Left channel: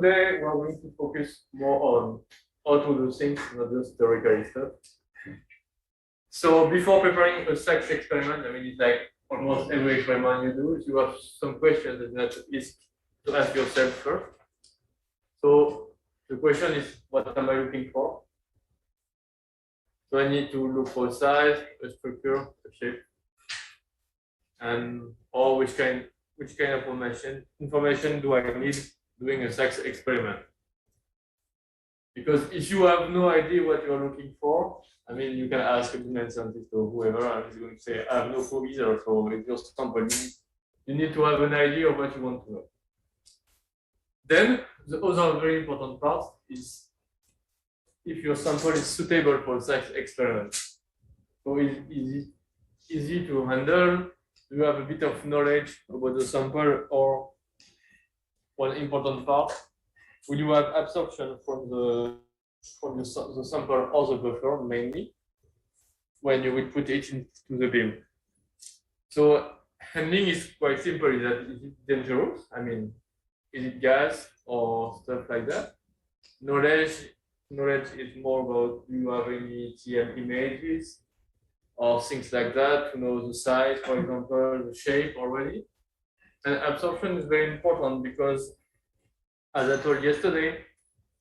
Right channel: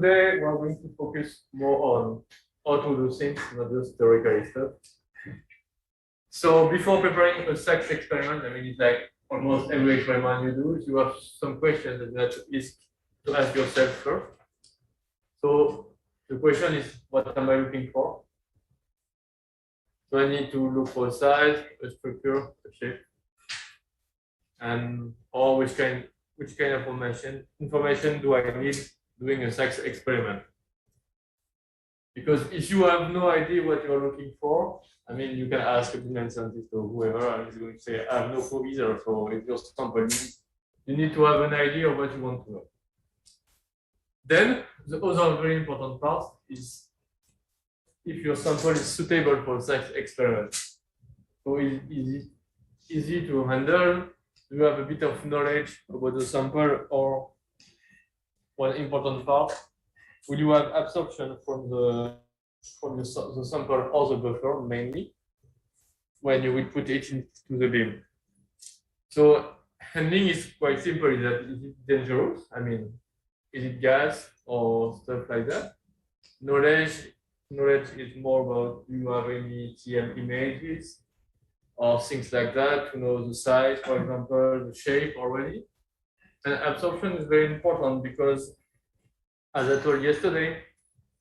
today we're going to focus more on how to do things, not just theoretical stuff. So before preparing a SXAS experiment, I mean, it's like almost every experiment you do, you have some questions that is to ask yourself first. So the question is, what am I looking for? So I need to look for a size, a structure, a shape, and or which kind of information do I need doing a SXAS experiment? Because if you have no idea what you are looking for, I mean, you can ask a Bizien scientist or whoever, and he's going to say, I have no clue either. So if your sample, you need to have an idea of what you want to know. Then the other very important part is if your sample is suitable for SXAS experiment. So is easy to handle? Do you have a bit of knowledge about the sample, or one important part? Will you have absorption from the sample or the buffer mainly when you will put it into the beam? So handling is quite simple. Is it dangerous? I mean, is it gas or stuff like that? Knowledge is more about, do you have any TM images or things like that to know the size, for example, the shape already. And absorption is very important because, as I told yesterday,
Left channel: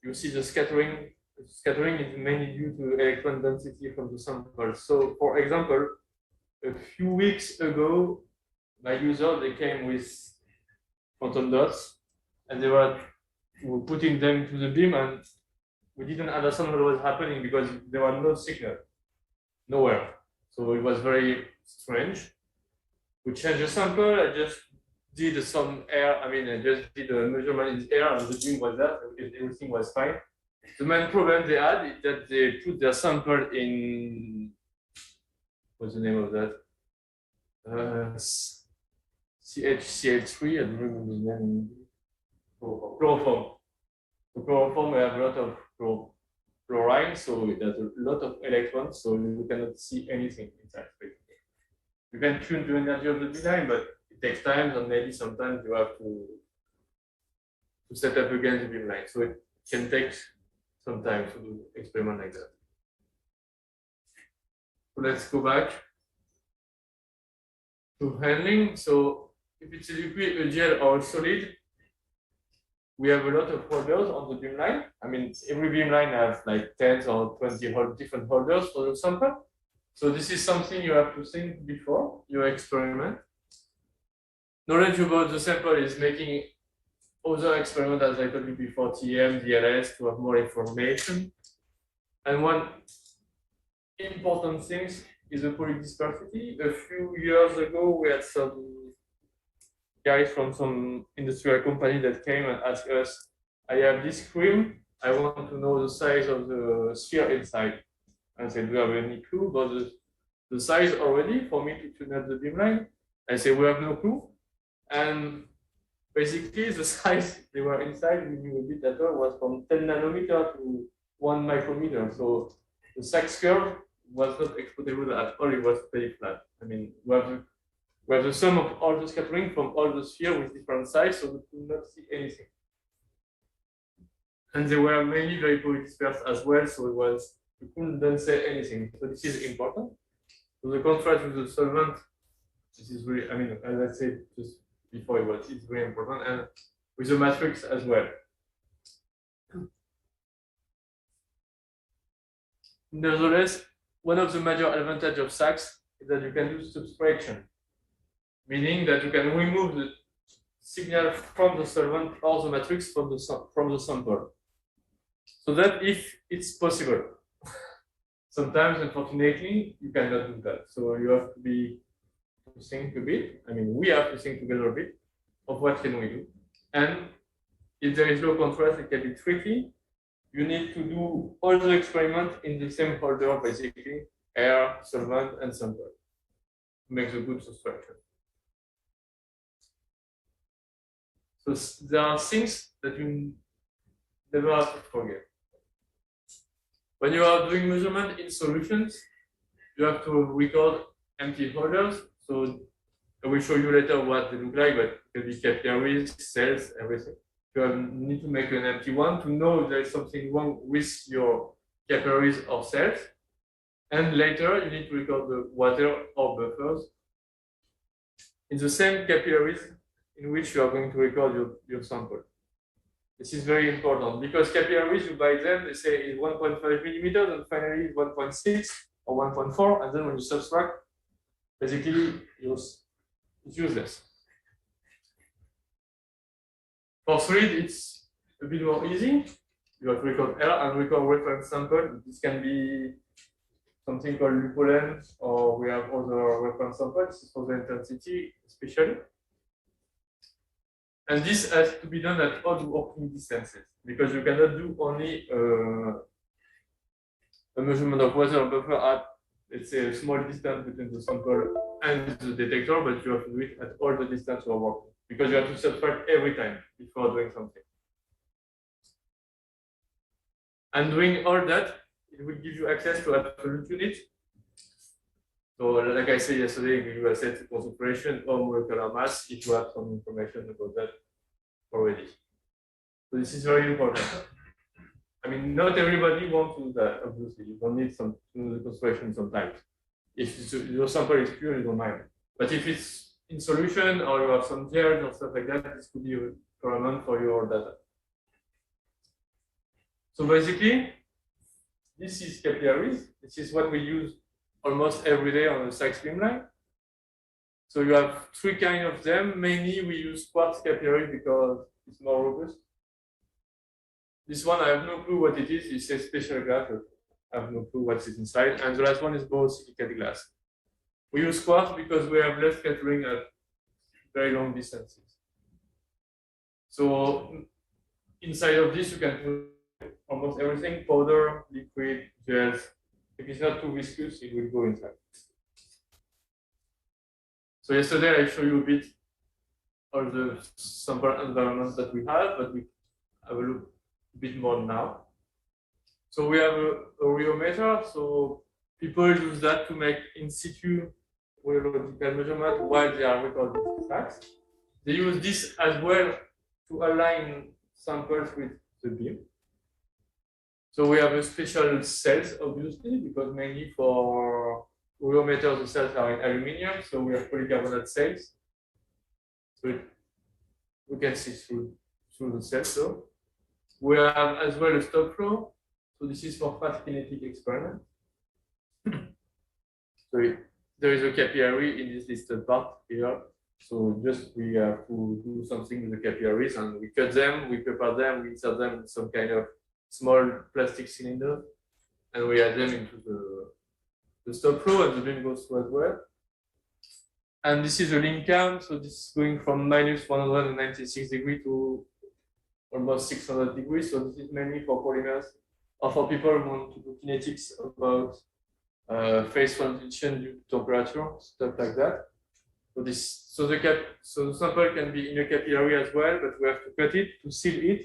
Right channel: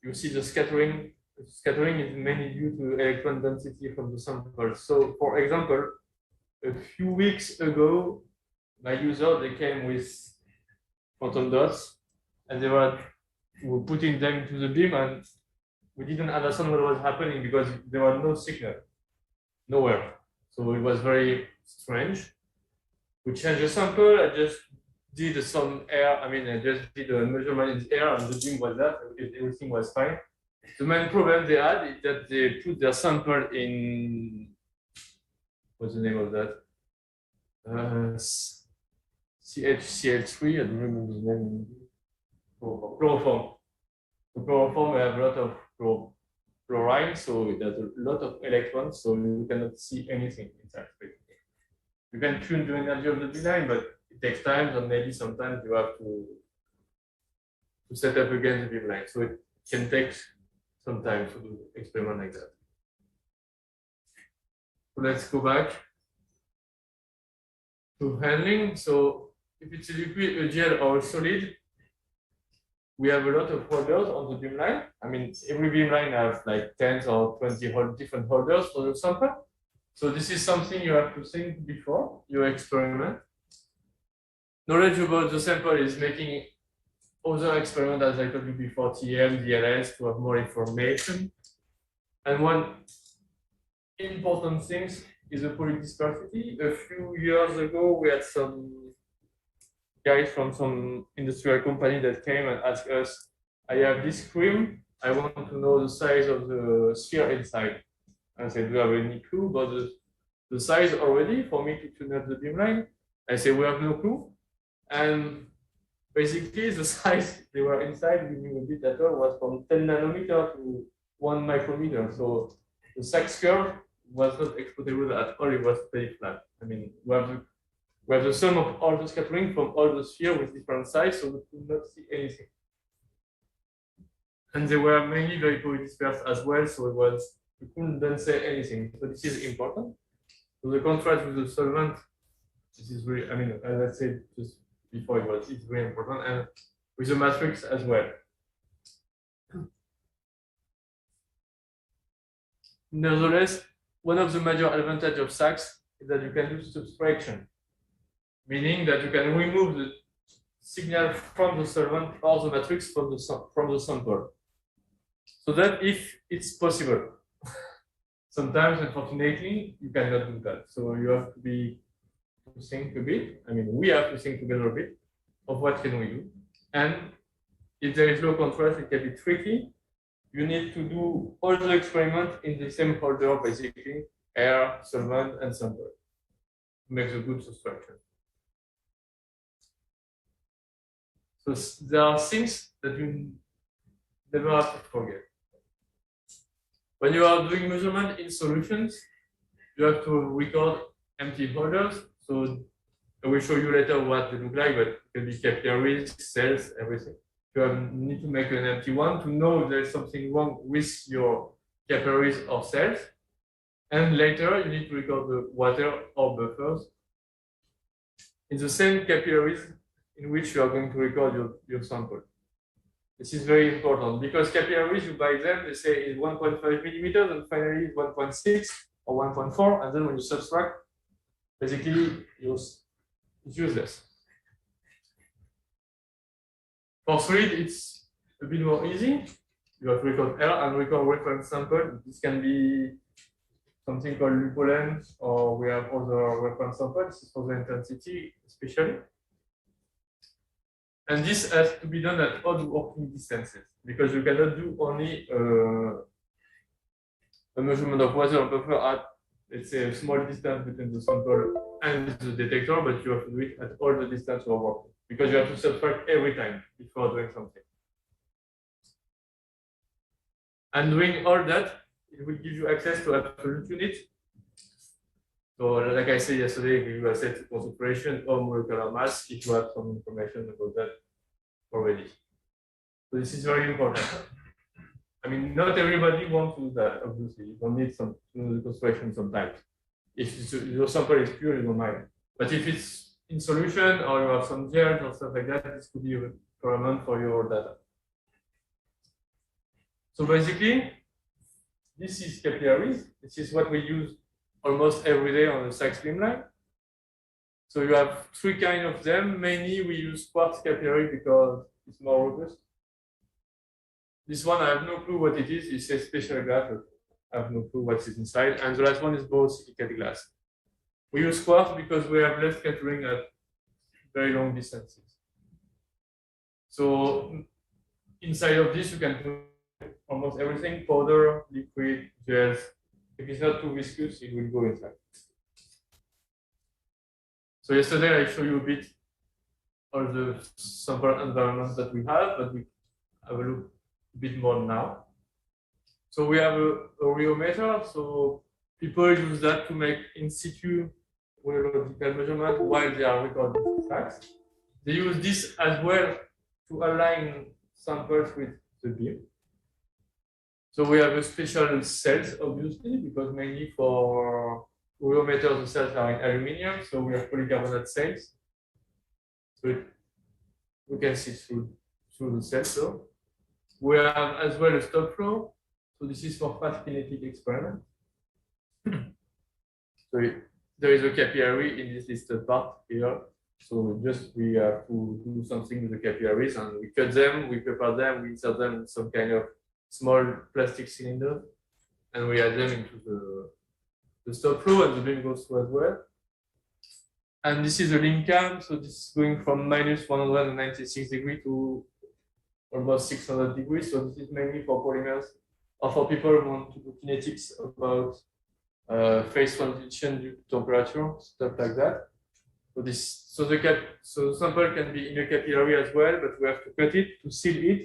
you see the scattering. Scattering is mainly due to electron density from the sample. So, for example, a few weeks ago, my user, they came with photon dots, and they were putting them into the beam, and we didn't understand what was happening because there was no signal, nowhere. So it was very strange. We changed the sample. I just did some air. I mean, I just did a measurement in the air, and the beam was there. Everything was fine. The main problem they had is that they put their sample in, what's the name of that? CHCl3. I don't remember the name. Chloroform. So chloroform, we have a lot of chlorine, so it has a lot of electrons, so you cannot see anything inside. You can tune the energy of the beam, but it takes time, and maybe sometimes you have to set up again the beam line. So it can take some time to do experiment like that. So let's go back to handling. So if it's a liquid, a gel, or a solid, we have a lot of holders on the beam line. I mean, every beam line has like 10 or 20 different holders for the sample. So this is something you have to think before your experiment. Knowledge about the sample is making other experiments, as I told you before, TM, DLS, to have more information. And one important thing is the polydispersity. A few years ago, we had some guys from some industrial company that came and asked us, I have this cream, I want to know the size of the sphere inside. I said, do you have any clue about the size already for me to tune up the beam line? I said, we have no clue. And basically the size they were inside, we knew a bit at all, was from 10 nanometer to 1 micrometer. So the SXAS curve was not exploitable at all, it was very flat. I mean, we have the sum of all the scattering from all the sphere with different size, so we could not see anything. And they were mainly very polydispersed as well, so we couldn't then say anything. So this is important. So the contrast with the solvent, this is really, I mean, as I said just before, it's very important, and with the matrix as well. Nevertheless, one of the major advantages of SXAS is that you can do subtraction, meaning that you can remove the signal from the solvent or the matrix from the sample. So that if it's possible. Sometimes, unfortunately, you cannot do that. So you have to think a bit. I mean, we have to think together a bit of what can we do. And if there is low contrast, it can be tricky. You need to do all the experiments in the same holder, basically, air, solvent, and sample. Makes a good subtraction. So there are things that you never have to forget. When you are doing measurement in solutions, you have to record empty holders. So I will show you later what they look like, but it can be capillaries, cells, everything. need to make an empty one to know if there is something wrong with your capillaries or cells. And later, you need to record the water or buffers in the same capillaries in which you are going to record your sample. This is very important because capillaries, you buy them, they say it's 1.5 millimeters, and finally it's 1.6 or 1.4, and then when you subtract, basically it's useless. For solid, it's a bit more easy. You have to record L and record reference sample. This can be something called lupulence, or we have other reference samples for the intensity, especially. And this has to be done at odd working distances because you cannot do only a measurement of water buffer at, let's say, a small distance between the sample and the detector, but you have to do it at all the distance you are working because you have to subtract every time before doing something. And doing all that, it will give you access to absolute unit. So, like I said yesterday, we will set concentration or molecular mass if you have some information about that already. So this is very important. I mean, not everybody wants to do that, obviously. You don't need some the concentration sometimes. If your sample is pure, you don't mind. But if it's in solution or you have some gels or stuff like that, this could be a requirement for your data. So basically, this is capillaries. This is what we use almost every day on the SAC streamline. So you have three kinds of them. Mainly we use quartz capillary because it's more robust. This one, I have no clue what it is. It says special glass, but I have no clue what's inside. And the last one is borosilicate glass. We use quartz because we have less scattering at very long distances. So inside of this, you can put almost everything: powder, liquid, gels. If it's not too viscous, it will go inside. So yesterday I showed you a bit of the sample environment that we have, but we have a look a bit more now. So we have a rheometer. So people use that to make in situ rheological measurement while they are recording facts. They use this as well to align samples with the beam. So we have a special cells, obviously, because mainly for rheometers, the cells are in aluminium, so we have polycarbonate cells. So we can see through the cells. So we have as well a stop flow. So this is for fast kinetic experiment. So there is a capillary in this listed part here. So just we have to do something with the capillaries, and we cut them, we prepare them, we insert them in some kind of small plastic cylinder, and we add them into the stop flow, and the beam goes through as well. And this is a link cam, so this is going from minus 196 degrees to almost 600 degrees. So this is mainly for polymers or for people who want to do kinetics about phase transition due to temperature, stuff like that. So the sample can be in a capillary as well, but we have to cut it to seal it.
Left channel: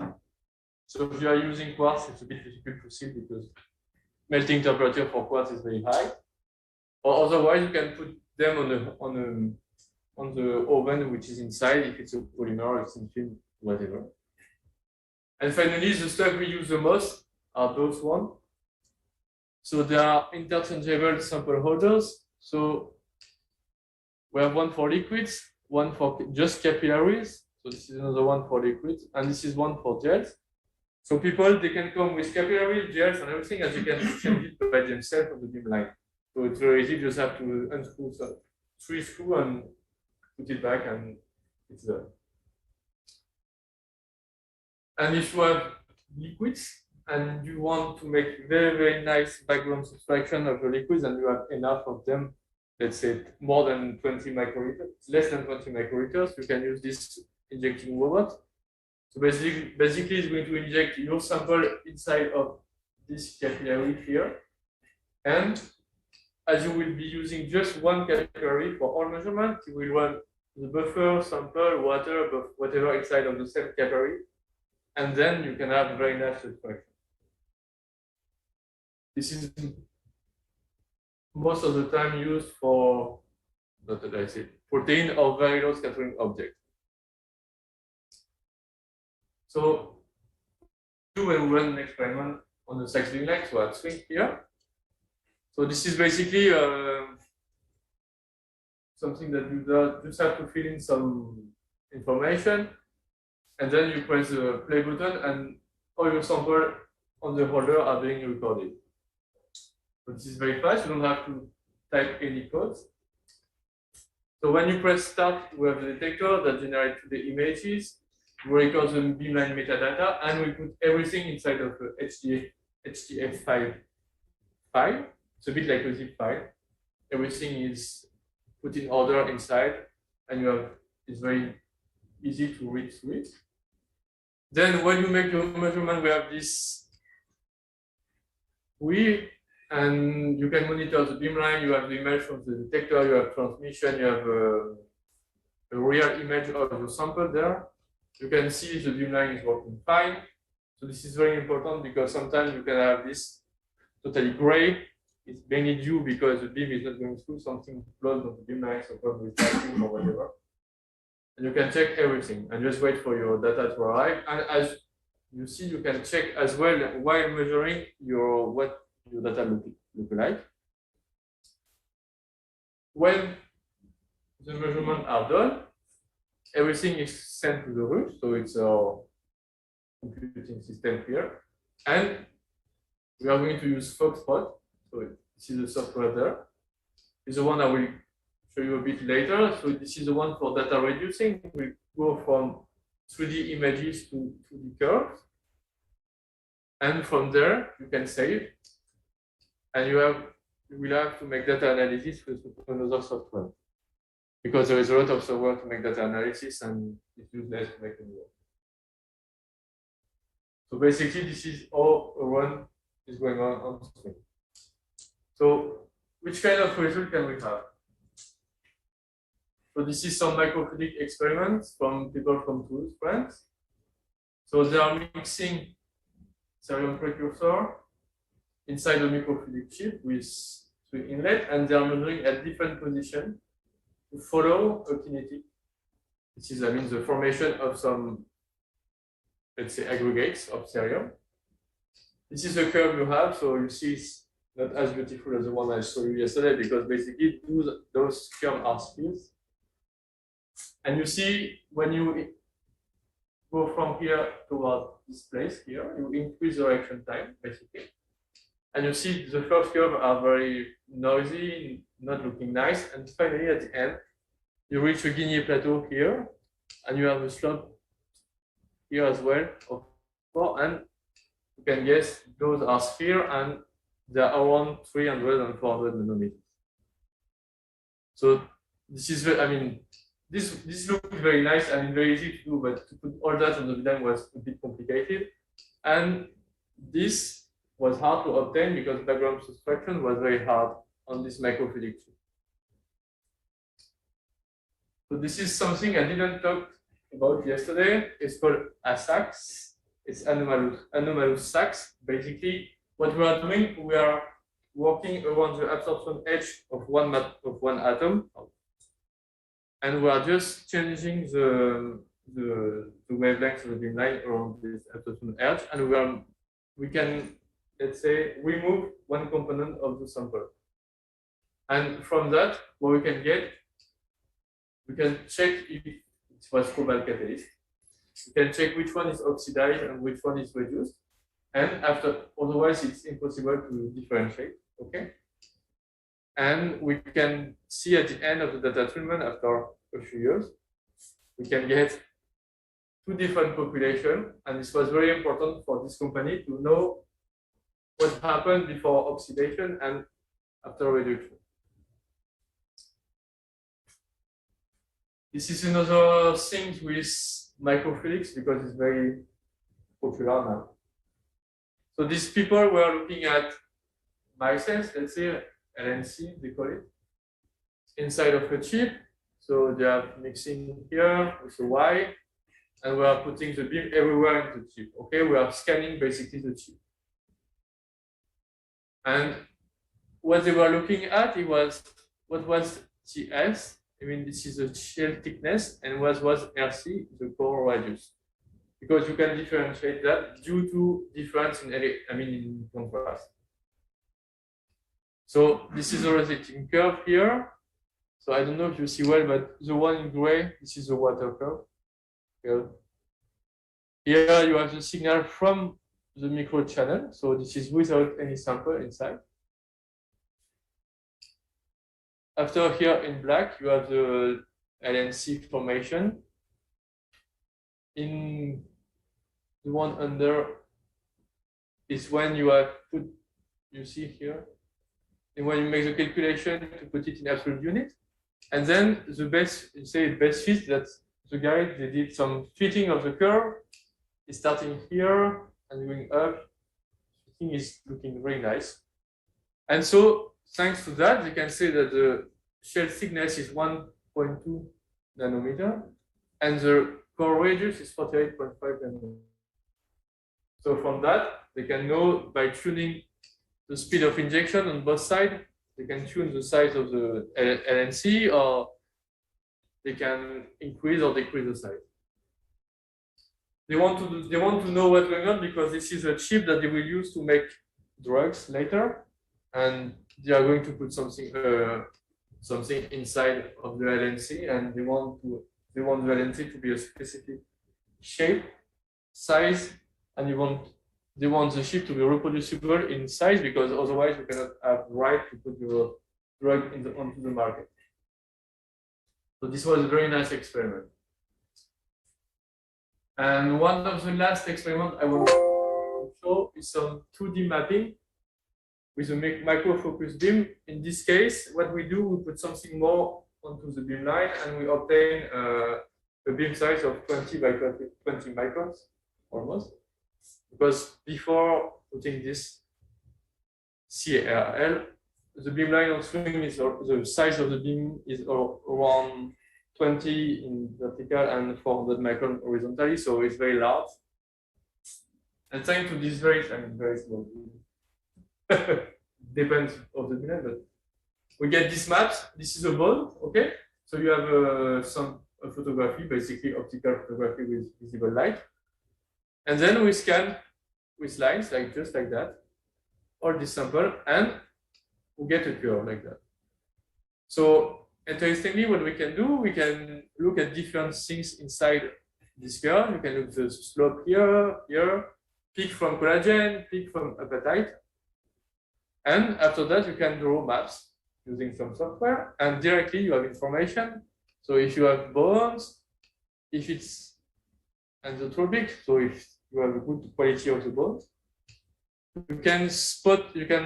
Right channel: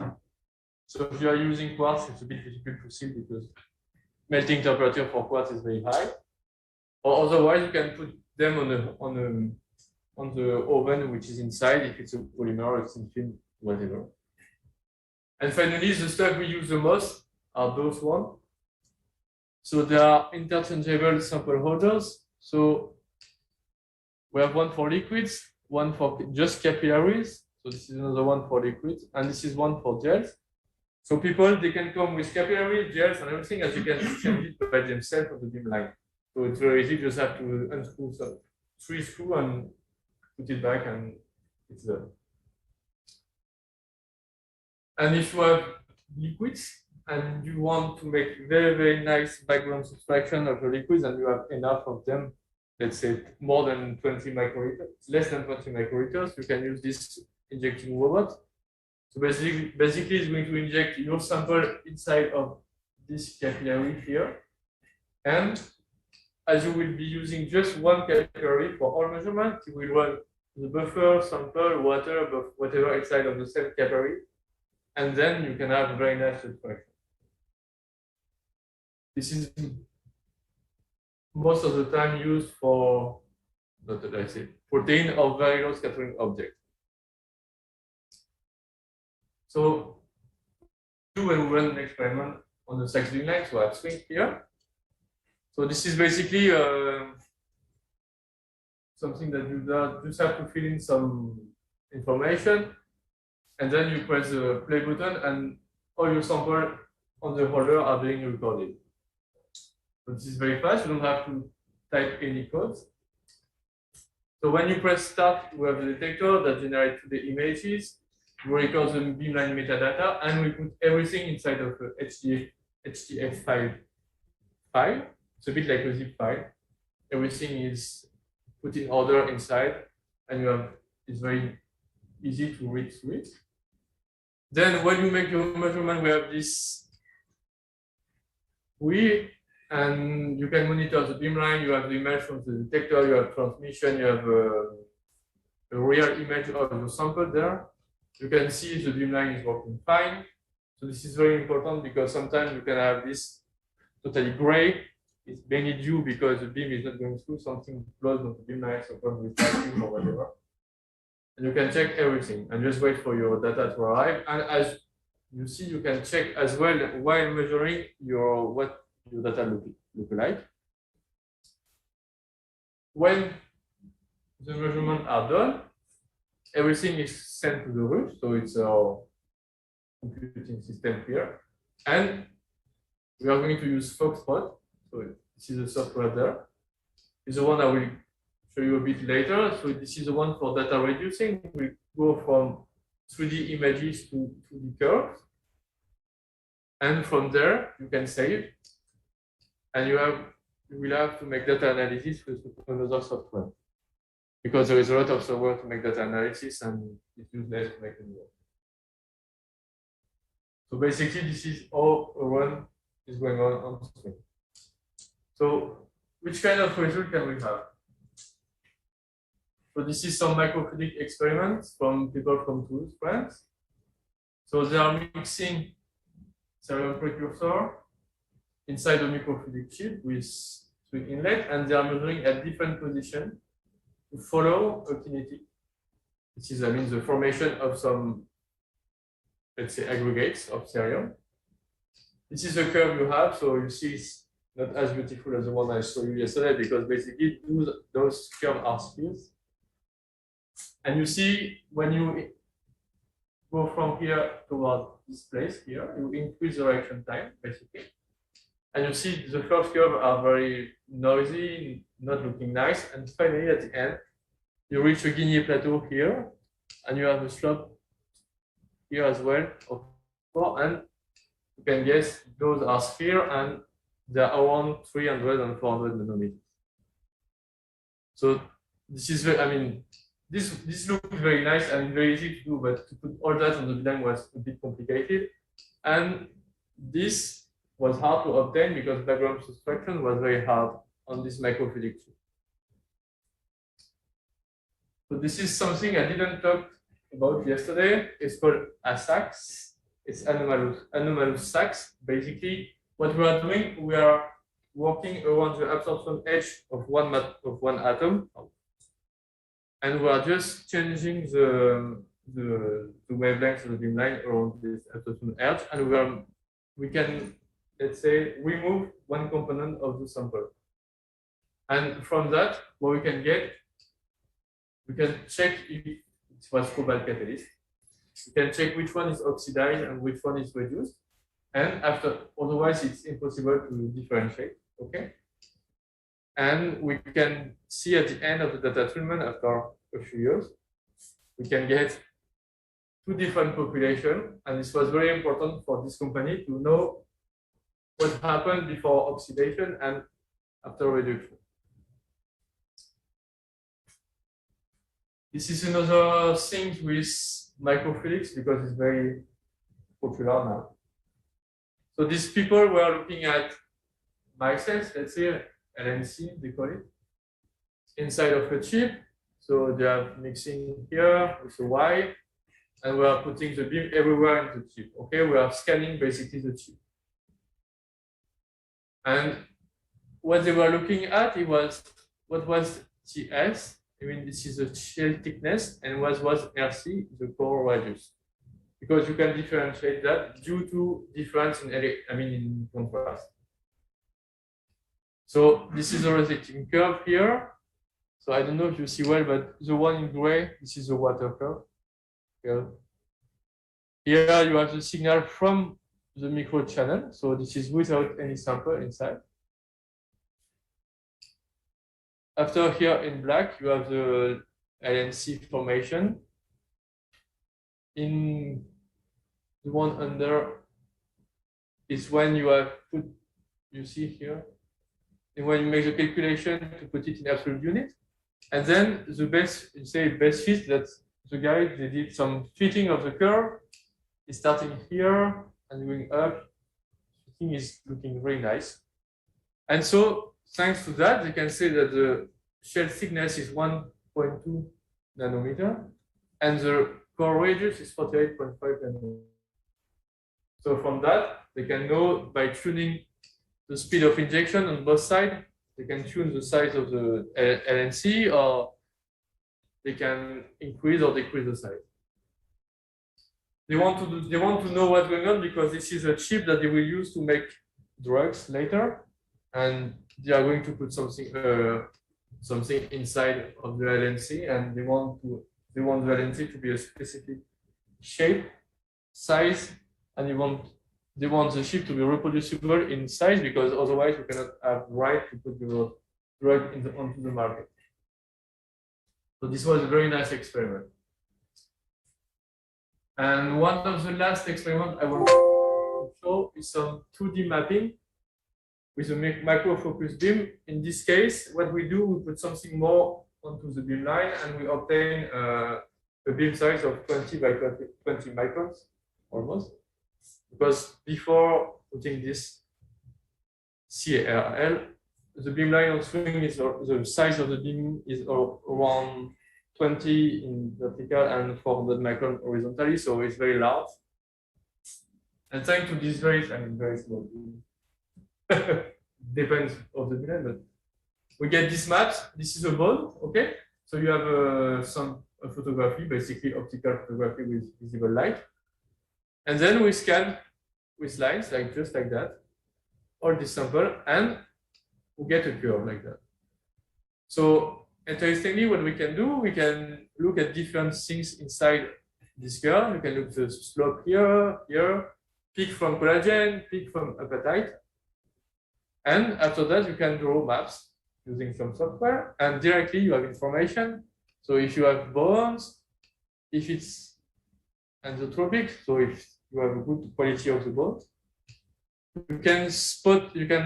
So if you are using quartz, it's a bit difficult to seal because melting temperature for quartz is very high. Or otherwise, you can put them on the oven, which is inside. If it's a polymer, it's in film, whatever. And finally, the stuff we use the most are those ones. So they are interchangeable sample holders. So we have one for liquids, one for just capillaries. So this is another one for liquids, and this is one for gels. So people, they can come with capillaries, gels, and everything, as you can change it by themselves on the beam line. So it's very easy, you just have to unscrew some 3 screws and put it back, and it's done. And if you have liquids and you want to make very, very nice background subtraction of the liquids, and you have enough of them, let's say more than 20 microliters, less than 20 microliters, you can use this injecting robot. So basically it's going to inject your sample inside of this capillary here. And as you will be using just one capillary for all measurements, you will run the buffer, sample, water, whatever inside of the same capillary. And then you can have a very nice subtraction. This is most of the time used for, what did I say, protein or very low scattering object. So when we run an experiment on the SXAS beamline, so I have swing here. So this is basically something that you just have to fill in some information, and then you press the play button, and all your samples on the holder are being recorded. So this is very fast. You don't have to type any codes. So when you press start, we have the detector that generates the images. We record the beamline metadata, and we put everything inside of a HDF file. It's a bit like a zip file. Everything is put in order inside, and it's very easy to read through it. Then when you make your measurement, we have this wheel, and you can monitor the beamline. You have the image from the detector, you have transmission, you have a real image of the sample there. You can see the beamline is working fine. So this is very important because sometimes you can have this totally gray. It's mainly due because the beam is not going through something close on the beamline, so probably typing or whatever. And you can check everything and just wait for your data to arrive. And as you see, you can check as well while measuring what your data look like. When the measurements are done, everything is sent to the root, so it's our computing system here. And we are going to use Foxtrot. So this is the software there. This is the one I will show you a bit later. So this is the one for data reducing. We go from 3D images to 2D curves. And from there, you can save. And you will have to make data analysis with another software. Because there is a lot of software to make data analysis, and it's useless to make it work. So basically, this is how a run is going on screen. So which kind of result can we have? So this is some microphonic experiments from people from Toulouse, France. So they are mixing serial precursor inside the microphonic chip with 3 inlets, and they are measuring at different positions to follow a kinetic. This is, the formation of some, let's say, aggregates of serial. This is the curve you have, so you see it's not as beautiful as the one I showed you yesterday because basically those curves are spheres. And you see when you go from here toward this place here, you increase the reaction time, basically. And you see the first curve are very noisy, not looking nice. And finally, at the end, you reach a Guinea plateau here, and you have a slope here as well of 4. And you can guess those are spheres, and they are around 300 and 400 nanometers. So this is, this looks very nice and very easy to do, but to put all that on the beamline was a bit complicated. And this was hard to obtain because background subtraction was very hard on this microfluidic chip. So this is something I didn't talk about yesterday. It's called a SXAS. It's anomalous SXAS. Basically, what we are doing, we are working around the absorption edge of one atom, and we are just changing the wavelength of the beamline around this absorption edge, and we can, let's say, remove one component of the sample. And from that, what we can get, we can check if it was cobalt catalyst. We can check which one is oxidized and which one is reduced. And otherwise, it's impossible to differentiate. Okay. And we can see at the end of the data treatment after a few years, we can get 2 different populations. And this was very important for this company to know what happened before oxidation and after reduction. This is another thing with microfluidics because it's very popular now. So these people were looking at micelles, let's say LNC, they call it, inside of a chip. So they are mixing here with a Y, and we are putting the beam everywhere in the chip. Okay, we are scanning basically the chip. And what they were looking at, it was what was TS. This is the shell thickness, and what was RC, the core radius. because you can differentiate that due to difference in in contrast. So this is a rotating curve here. So I don't know if you see well, but the one in gray, this is the water curve. Here you have the signal from the micro channel. So this is without any sample inside. After here in black, you have the LNC formation. In the one under is when you have put, you see here, and when you make the calculation to put it in absolute unit. And then the best, you say best fit, that's the guy, they did some fitting of the curve. It's starting here and going up. The thing is looking very nice. And so thanks to that, you can say that the shell thickness is 1.2 nanometer and the core radius is 48.5 nanometer. So from that, they can know by tuning the speed of injection on both sides, they can tune the size of the LNC, or they can increase or decrease the size. They want to know what's going on because this is a chip that they will use to make drugs later, and they are going to put something inside of the LNC, and they want the LNC to be a specific shape, size, and they want the chip to be reproducible in size, because otherwise you cannot have the right to put your drug onto the market. So this was a very nice experiment. And one of the last experiments I want to show is some 2D mapping with a microfocus beam. In this case, what we do, we put something more onto the beam line, and we obtain a beam size of 20 by 20 microns, almost. Because before putting this CARL, the beam line on swing is, the size of the beam is around 20 in vertical and 400 micron horizontally, so it's very large. And thanks to this very small, depends on the beam line, but we get this maps. This is a bone, okay? So you have some photography, basically optical photography with visible light. And then we scan with lines, like just like that, or this sample, and we get a curve like that. So interestingly, what we can do, we can look at different things inside this curve. We can look at the slope here, peak from collagen, peak from apatite. And after that, you can draw maps using some software, and directly you have information. So if you have bones, if it's anisotropic, so if you have a good quality of the bones, you can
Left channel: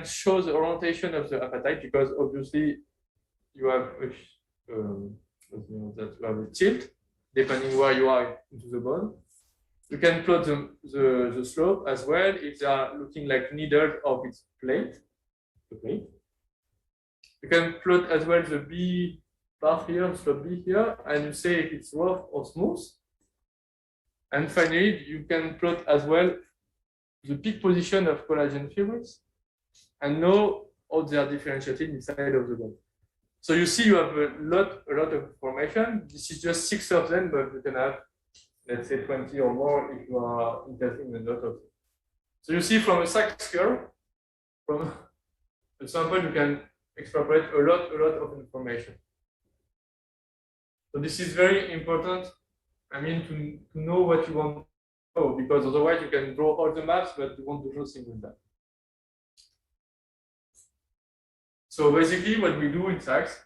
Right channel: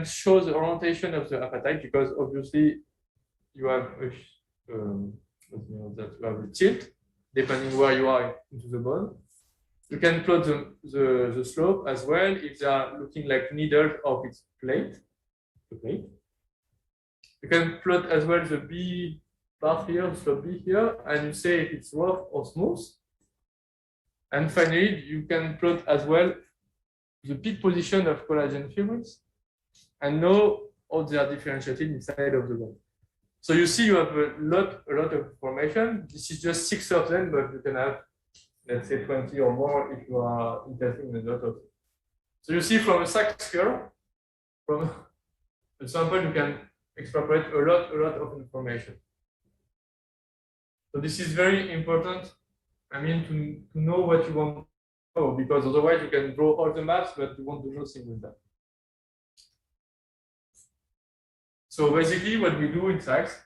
show the orientation of the apatite, because obviously you have a tilt depending where you are into the bone. You can plot the slope as well if they are looking like needles of its plate. You can plot as well the B part here, slope B here, and you say if it's rough or smooth. And finally, you can plot as well the peak position of collagen fibers and know how they are differentiated inside of the bone. So you see, you have a lot of information. This is just 6 of them, but you can have, let's say, 20 or more if you are interested in a lot of them. So you see, from a SXAS curve, from a sample, you can extrapolate a lot of information. So this is very important. I mean, to know what you want to know, because otherwise you can draw all the maps, but you won't do nothing with that. So basically, what we do in SXAS,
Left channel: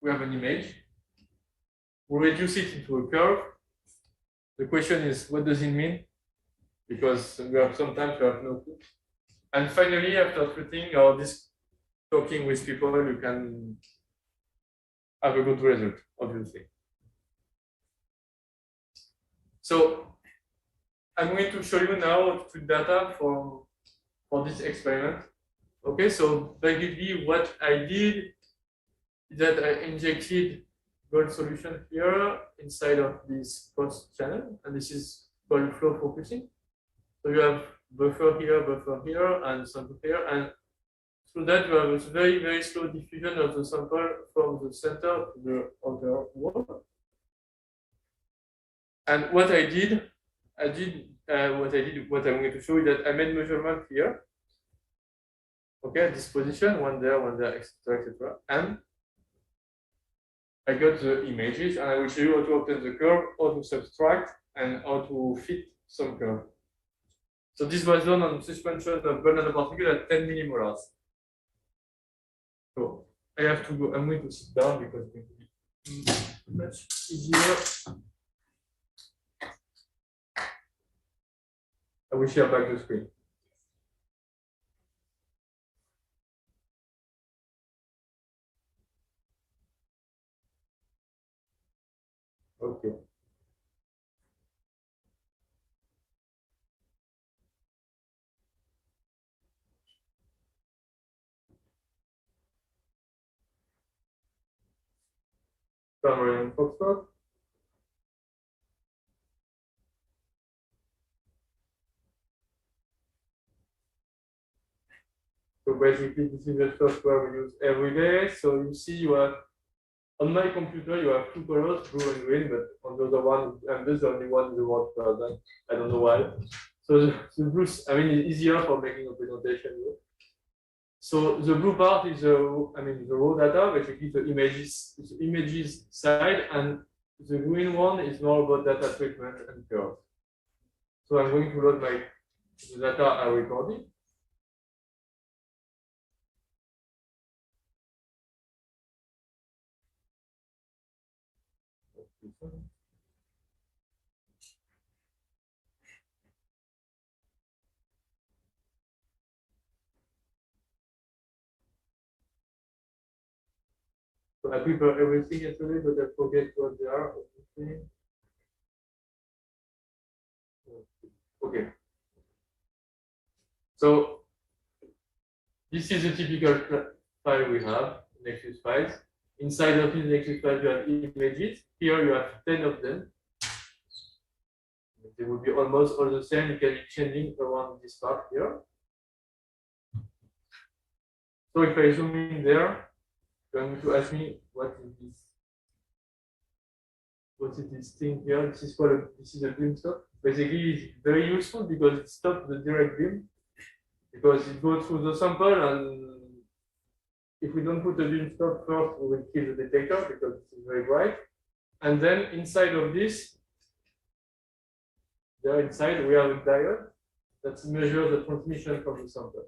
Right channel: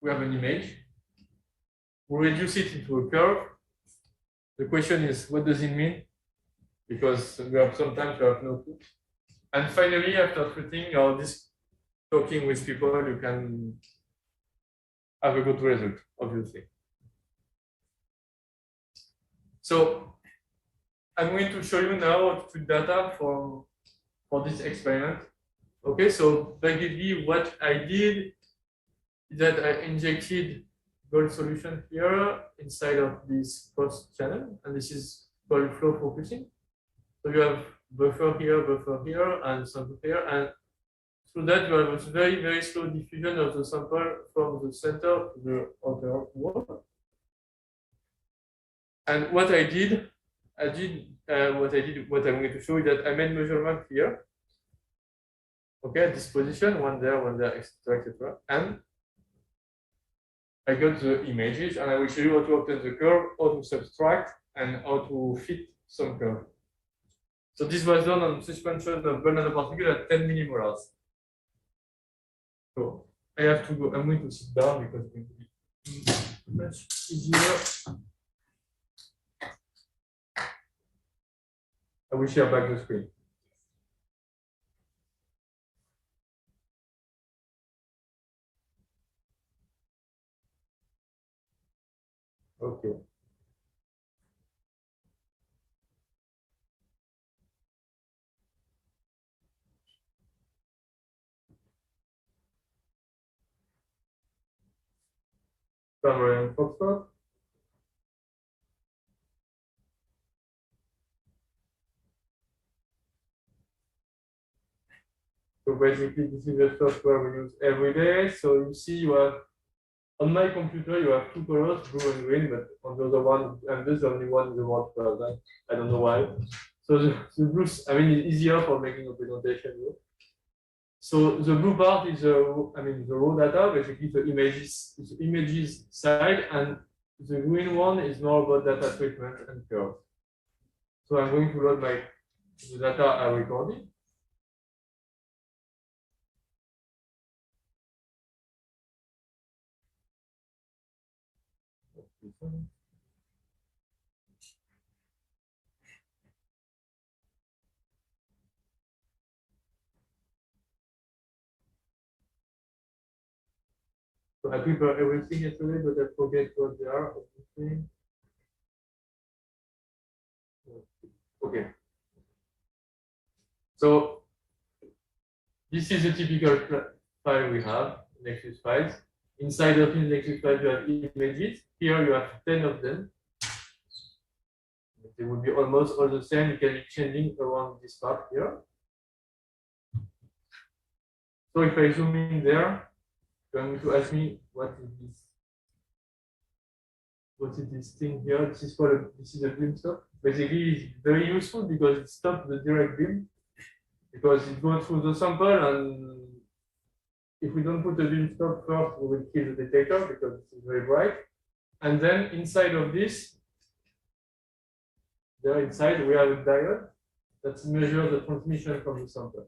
we have an image, we reduce it into a curve. The question is, what does it mean? Because we have sometimes you have no clue. And finally, after treating or talking with people, you can have a good result, obviously. So I'm going to show you now how to put data for this experiment. Okay, so basically what I did is that I injected gold solution here inside of this post channel, and this is called flow focusing. So you have buffer here, and sample here, and through that you have a very slow diffusion of the sample from the center to the outer wall. And what I did what I'm going to show you that I made measurement here. Okay, this position, one there, etc., etc. And I got the images, and I will show you how to obtain the curve, how to subtract, and how to fit some curve. So this was done on suspension of gold nanoparticle at 10 millimolars. So I have to go. I'm going to sit down because it's going to be much easier. I will share back the screen. Okay. Panorama Foxtrot. So basically, this is the software we use every day. So you see, you have on my computer, you have two colors, blue and green, but on the other one, and this is the only one in the world color. I don't know why. So the blue, I mean, it's easier for making a presentation. So the blue part is the raw data, basically the images side, and the green one is more about data treatment and curves. So I'm going to load the data I recorded. So I prepared everything yesterday, but I forget what they are. Okay. So this is a typical file we have, Nexus files. Inside of this Nexus file, you have images. Here you have 10 of them. They will be almost all the same. You can be changing around this part here. So if I zoom in there, you're going to ask me what is this? What is this thing here? This is a beam stop. Basically, it's very useful because it stops the direct beam. Because it goes through the sample, and if we don't put the beam stop first, we will kill the detector because it is very bright. And then inside of this, there inside we have a diode that measures the transmission from the sample.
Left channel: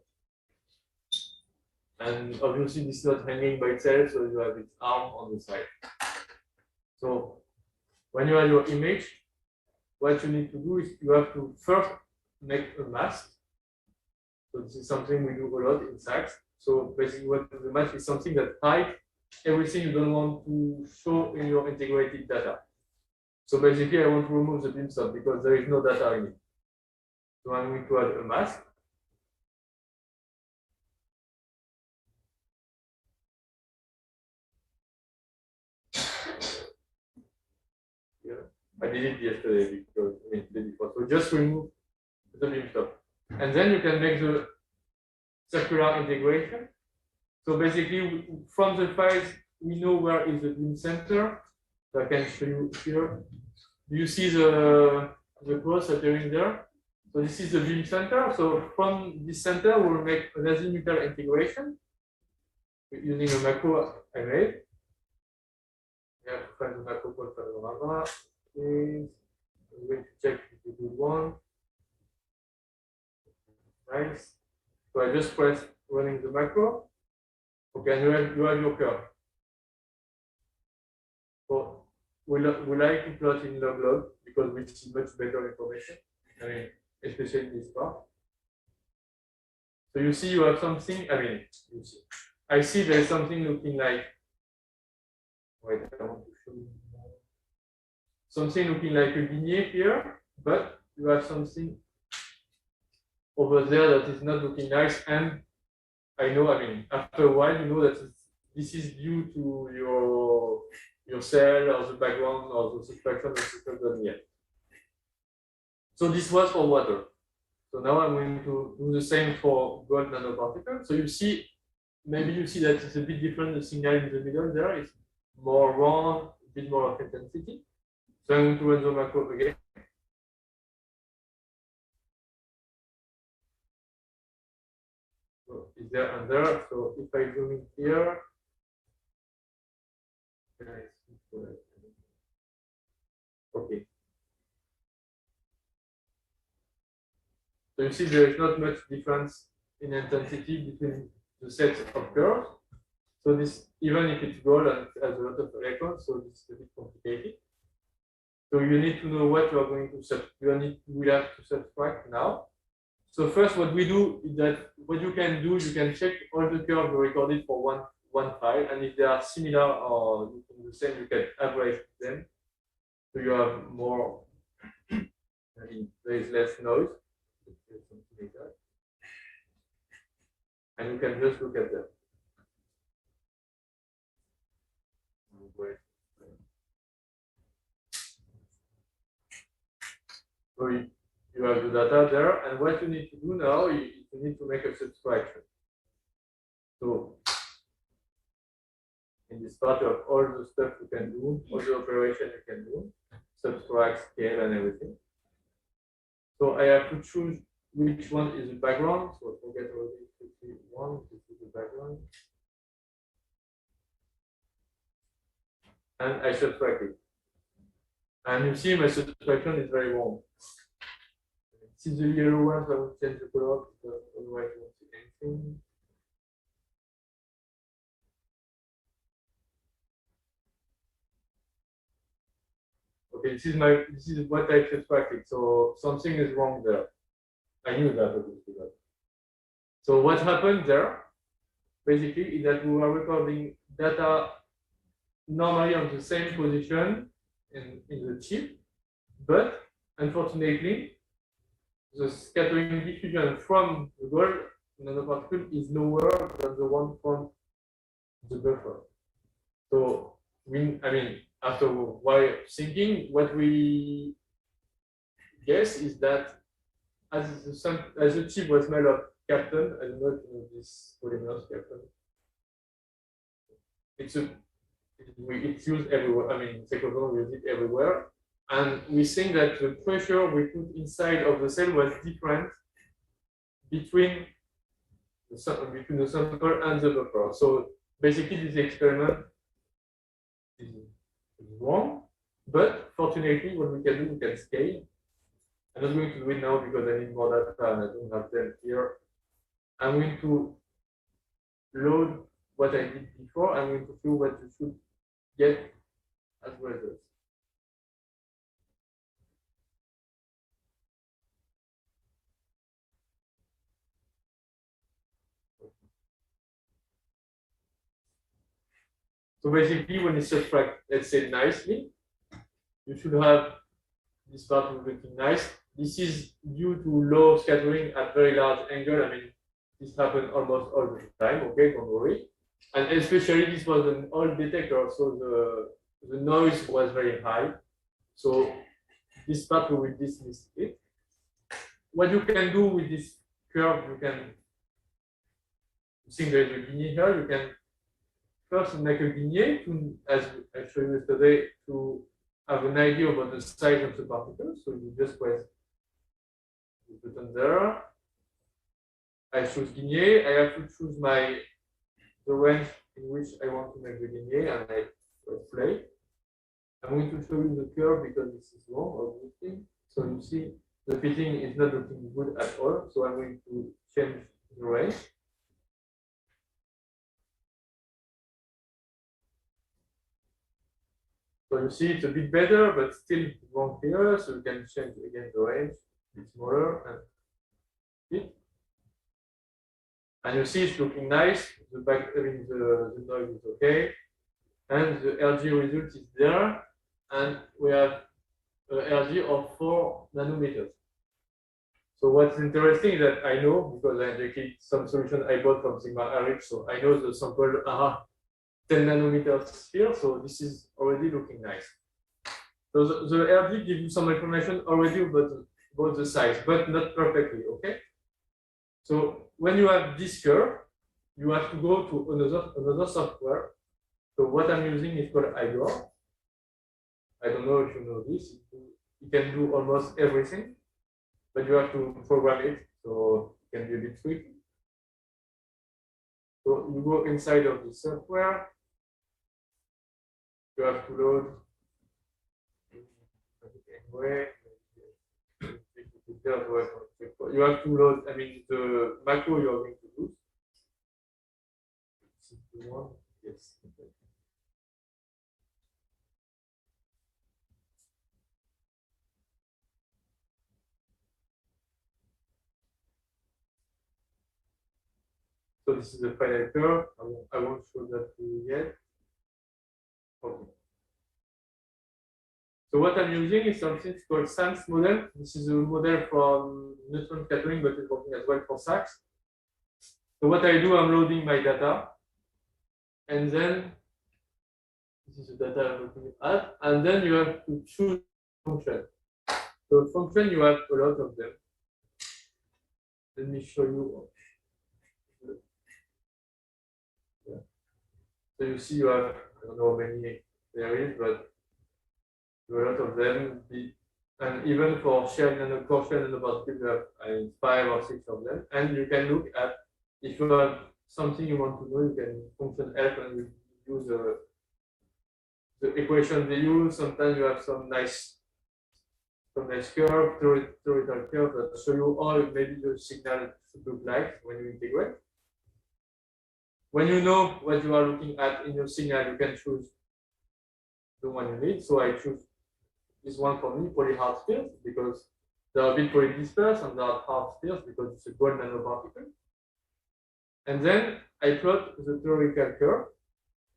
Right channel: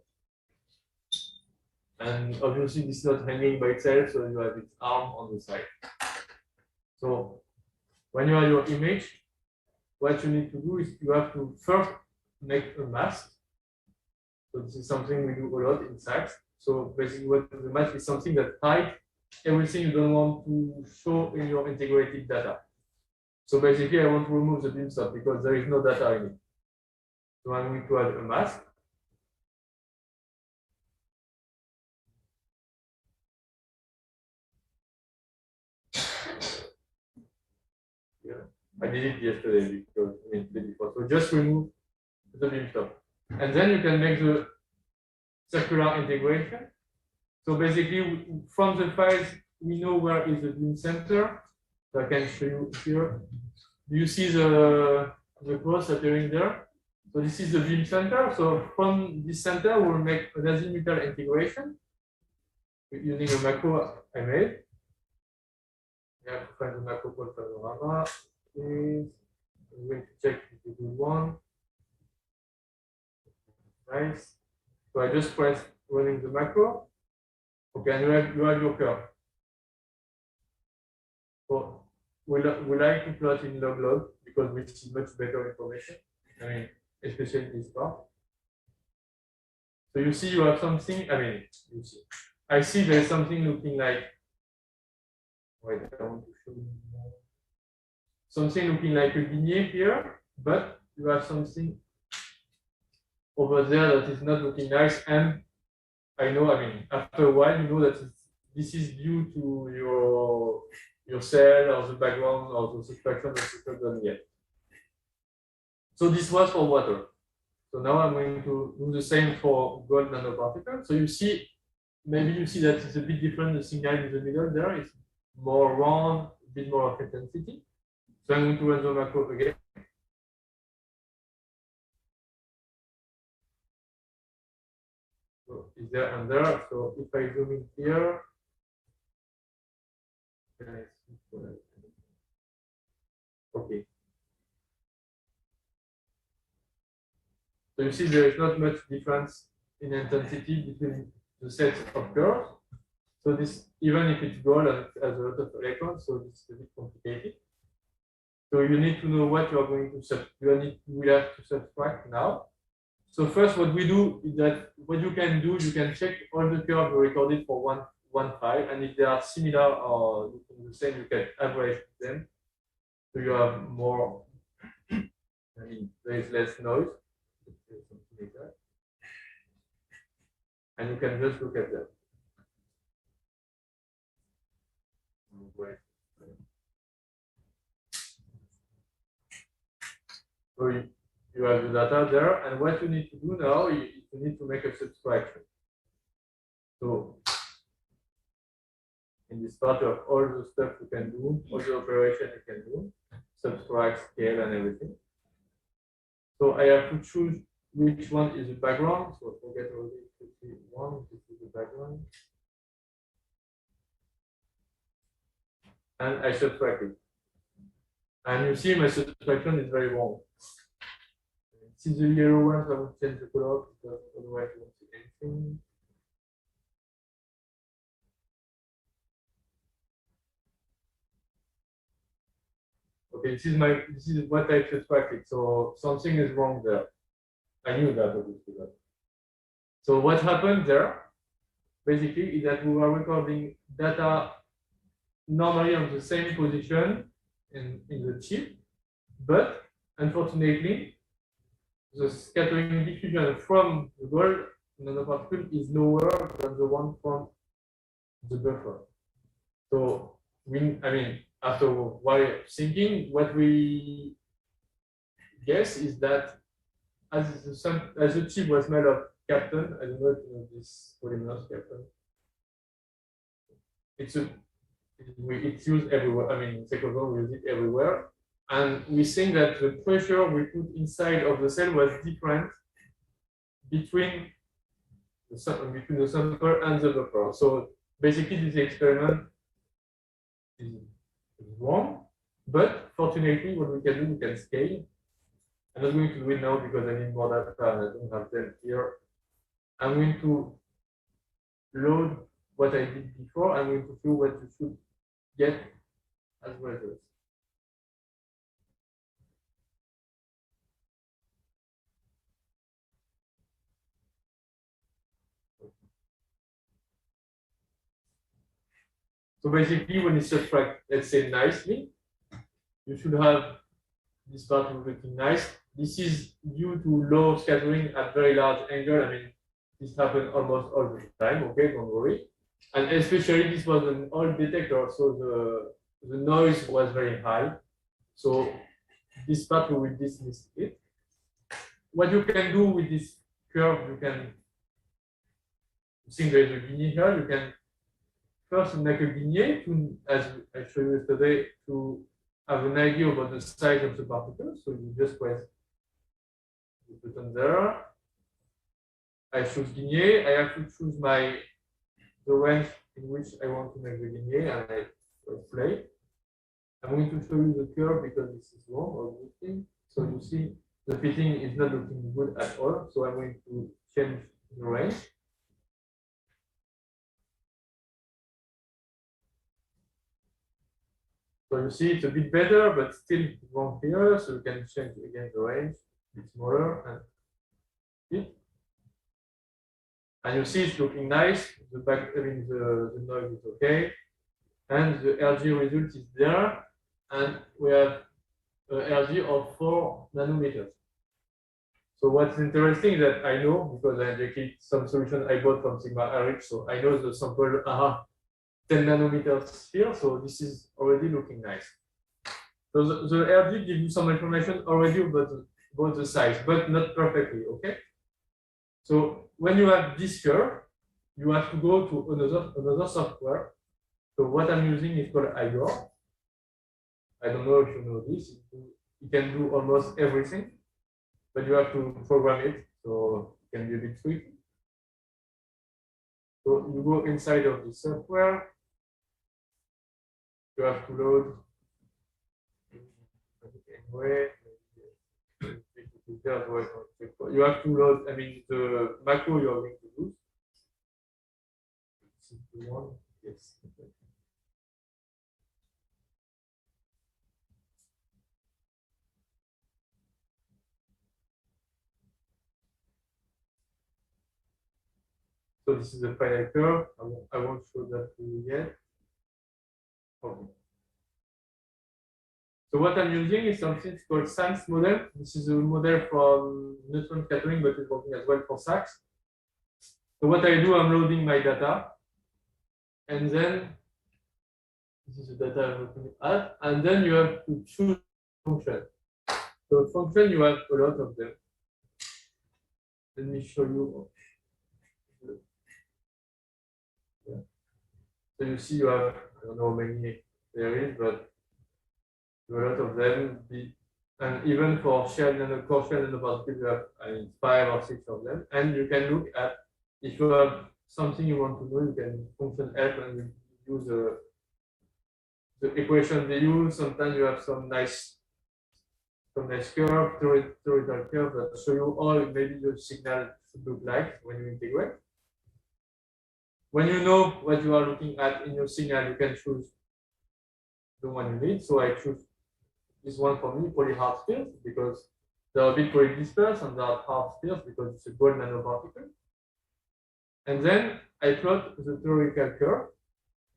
And obviously this is not hanging by itself, so you have its arm on the side. So when you have your image, what you need to do is you have to first make a mask. So this is something we do a lot in SACS. So basically what the mask is something that hides everything you don't want to show in your integrated data. So basically I want to remove the beam stop because there is no data in it. So I'm going to add a mask. I did it yesterday because before. So just remove the beam stop. And then you can make the circular integration. So basically, from the files, we know where is the beam center. So I can show you here. Do you see the cross appearing there? So this is the beam center. So from this center, we'll make an azimuthal integration using a macro I made. I have to find the macro called Panorama. I'm going to check if it's a good one. Nice. So I just press running the macro. Okay, and you have your curve. So we like to plot in log because we see much better information. I mean, especially this part. So you see you have something, you see. I see there's something looking like, wait, I want to show you more. Something looking like a Bizien here, but you have something over there that is not looking nice. And I know, after a while, you know that this is due to your cell or the background or the subtraction of the Synchrotron yet. So this was for water. So now I'm going to do the same for gold nanoparticles. So you see, maybe you see that it's a bit different. The signal in the middle there is more round, a bit more of intensity. So I'm going to run the macro again. is there and there. So if I zoom in here, okay. So you see there is not much difference in intensity between the sets of curves. So this, even if it's gold and it has a lot of electrons, so this is a bit complicated. So you need to know what you are going to we have to subtract now. So first, what we do is that what you can do, you can check all the curves you recorded for one file, and if they are similar or the same, you can average them. So you have more. I mean, there is less noise. Something like that. And you can just look at them. So you have the data there, and what you need to do now, you need to make a subtraction. So in this part of all the stuff you can do, all the operation you can do, subtract, scale, and everything. So I have to choose which one is the background. So forget already 51, this is the background. And I subtract it. And you see my subtraction is very wrong. See the yellow ones, I will change the color because otherwise you won't see anything. Okay, this is what I subtracted. So something is wrong there. I knew that obviously. So what happened there basically is that we were recording data normally on the same position in the chip, but unfortunately the scattering diffusion from the gold nanoparticle is lower than the one from the buffer. So after a while thinking, what we guess is that as the chip was made of captain, I don't know if you know this polymers captain. It's used everywhere. I mean, Synchrotron, we use it everywhere. And we think that the pressure we put inside of the cell was different between the sample and the buffer. So basically, this experiment is wrong. But fortunately, what we can do, we can scale. I'm not going to do it now because I need more data and I don't have them here. I'm going to load what I did before. I'm going to show what you should get as results. So basically, when you subtract, let's say nicely, you should have this part looking nice. This is due to low scattering at very large angle. I mean, this happened almost all the time. Okay, don't worry. And especially this was an old detector, so the noise was very high. So this part we will dismiss it. What you can do with this curve, you can think there is a Bizien here. You can first make a Bizien to, as I showed you yesterday, to have an idea about the size of the particles. So you just press the button there. I choose Bizien. I have to choose the range in which I want to make the Bizien, and I press play. I'm going to show you the curve because this is wrong, obviously. So you see the fitting is not looking good at all. So I'm going to change the range. So you see it's a bit better, but still wrong here. So you can change again the range, a bit smaller, and it. And you see it's looking nice. The noise is okay, and the LG result is there, and we have an LG of 4 nanometers. So what's interesting is that I know, because I injected some solution I bought from Sigma Rx, so I know the sample are 10 nanometers here, so this is already looking nice. So the LG gives you some information already about the size, but not perfectly, okay? So when you have this curve, you have to go to another software. So what I'm using is called IGOR. I don't know if you know this. You can do almost everything, but you have to program it, so it can be a bit tricky. So you go inside of the software. You have to load anyway. You have to load, I mean, the macro you are going to use. Yes. So this is the final curve. I won't show that to you yet. Okay. So what I'm using is something called SANS model. This is a model from neutron scattering, but it's working as well for SACS. So what I do, I'm loading my data, and then this is the data I'm looking at, and then you have to choose function. So function, you have a lot of them. Let me show you. Yeah. So you see you have, I don't know how many there is, but a lot of them. And even for shell nanoparticles, you have 5 or 6 of them. And you can look at, if you have something you want to do, you can function help and you use the equation they use. Sometimes you have some nice curve, theoretical curve that show you how maybe the signal should look like when you integrate. When you know what you are looking at in your signal, you can choose the one you need. So I choose this one for me, poly-hard spheres, because they are a bit poly-dispersed, and they are hard spheres because it's a gold nanoparticle. And then I plot the theoretical curve